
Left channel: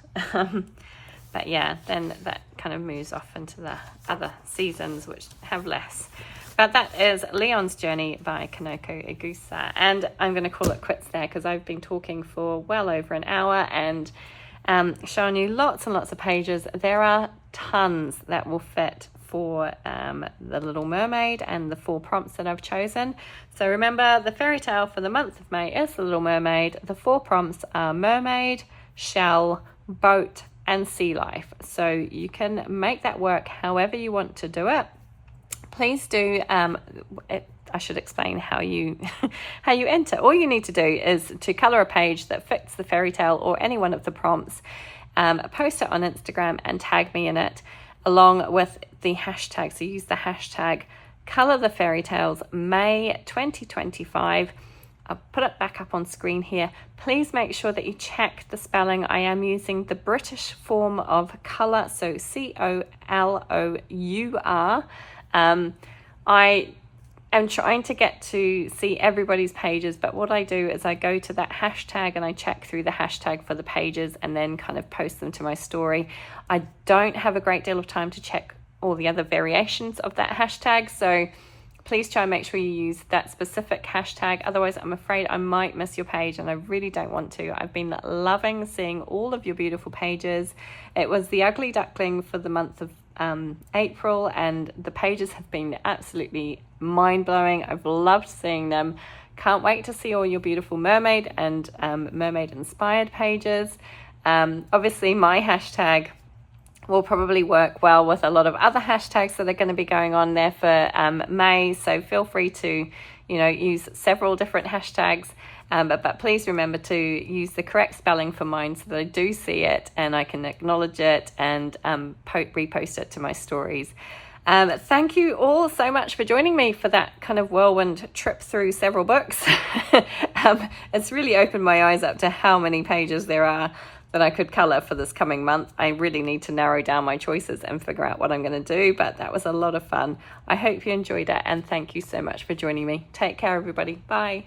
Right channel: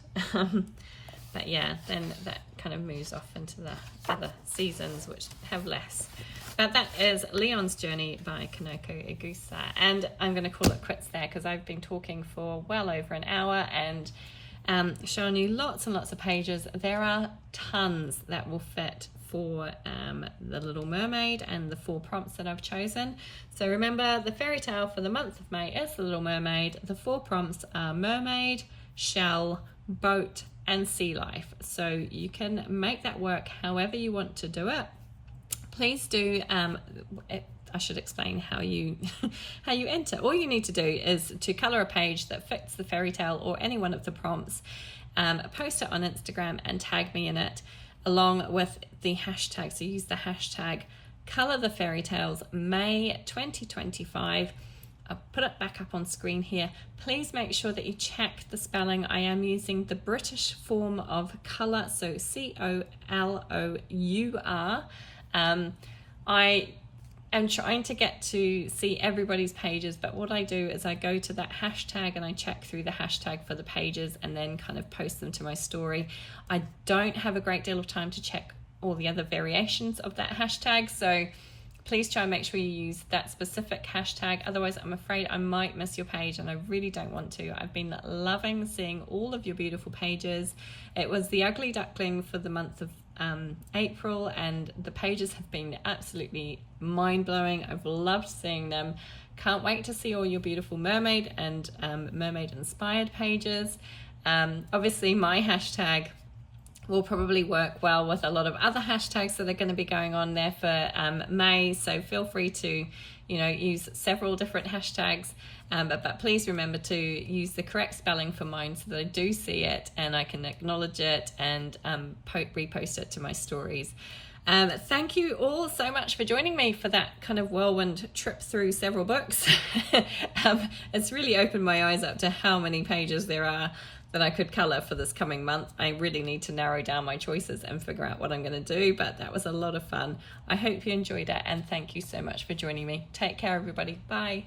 But yeah, then that kind of moves off into the other seasons, which have less. But that is Leon's Journey by Kanoko Igusa. And I'm going to call it quits there because I've been talking for well over an hour and showing you lots and lots of pages. There are tons that will fit for the Little Mermaid and the 4 prompts that I've chosen. So remember, the fairy tale for the month of May is the Little Mermaid. The 4 prompts are mermaid, shell, boat, and sea life. So you can make that work however you want to do it. Please do, I should explain how you how you enter. All you need to do is to color a page that fits the fairy tale or any one of the prompts, post it on Instagram and tag me in it along with the hashtag. So use the hashtag color the fairy tales May 2025. I'll put it back up on screen here. Please make sure that you check the spelling. I am using the British form of colour, so COLOUR. I am trying to get to see everybody's pages, but what I do is I go to that hashtag and I check through the hashtag for the pages and then kind of post them to my story. I don't have a great deal of time to check all the other variations of that hashtag, so please try and make sure you use that specific hashtag. Otherwise, I'm afraid I might miss your page and I really don't want to. I've been loving seeing all of your beautiful pages. It was the Ugly Duckling for the month of April, and the pages have been absolutely mind-blowing. I've loved seeing them. Can't wait to see all your beautiful mermaid and mermaid inspired pages. Obviously my hashtag will probably work well with a lot of other hashtags that are going to be going on there for May, so feel free to use several different hashtags, but please remember to use the correct spelling for mine so that I do see it and I can acknowledge it and repost it to my stories. Thank you all so much for joining me for that kind of whirlwind trip through several books. It's really opened my eyes up to how many pages there are that I could colour for this coming month. I really need to narrow down my choices and figure out what I'm going to do, but that was a lot of fun. I hope you enjoyed it and thank you so much for joining me. Take care, everybody. Bye.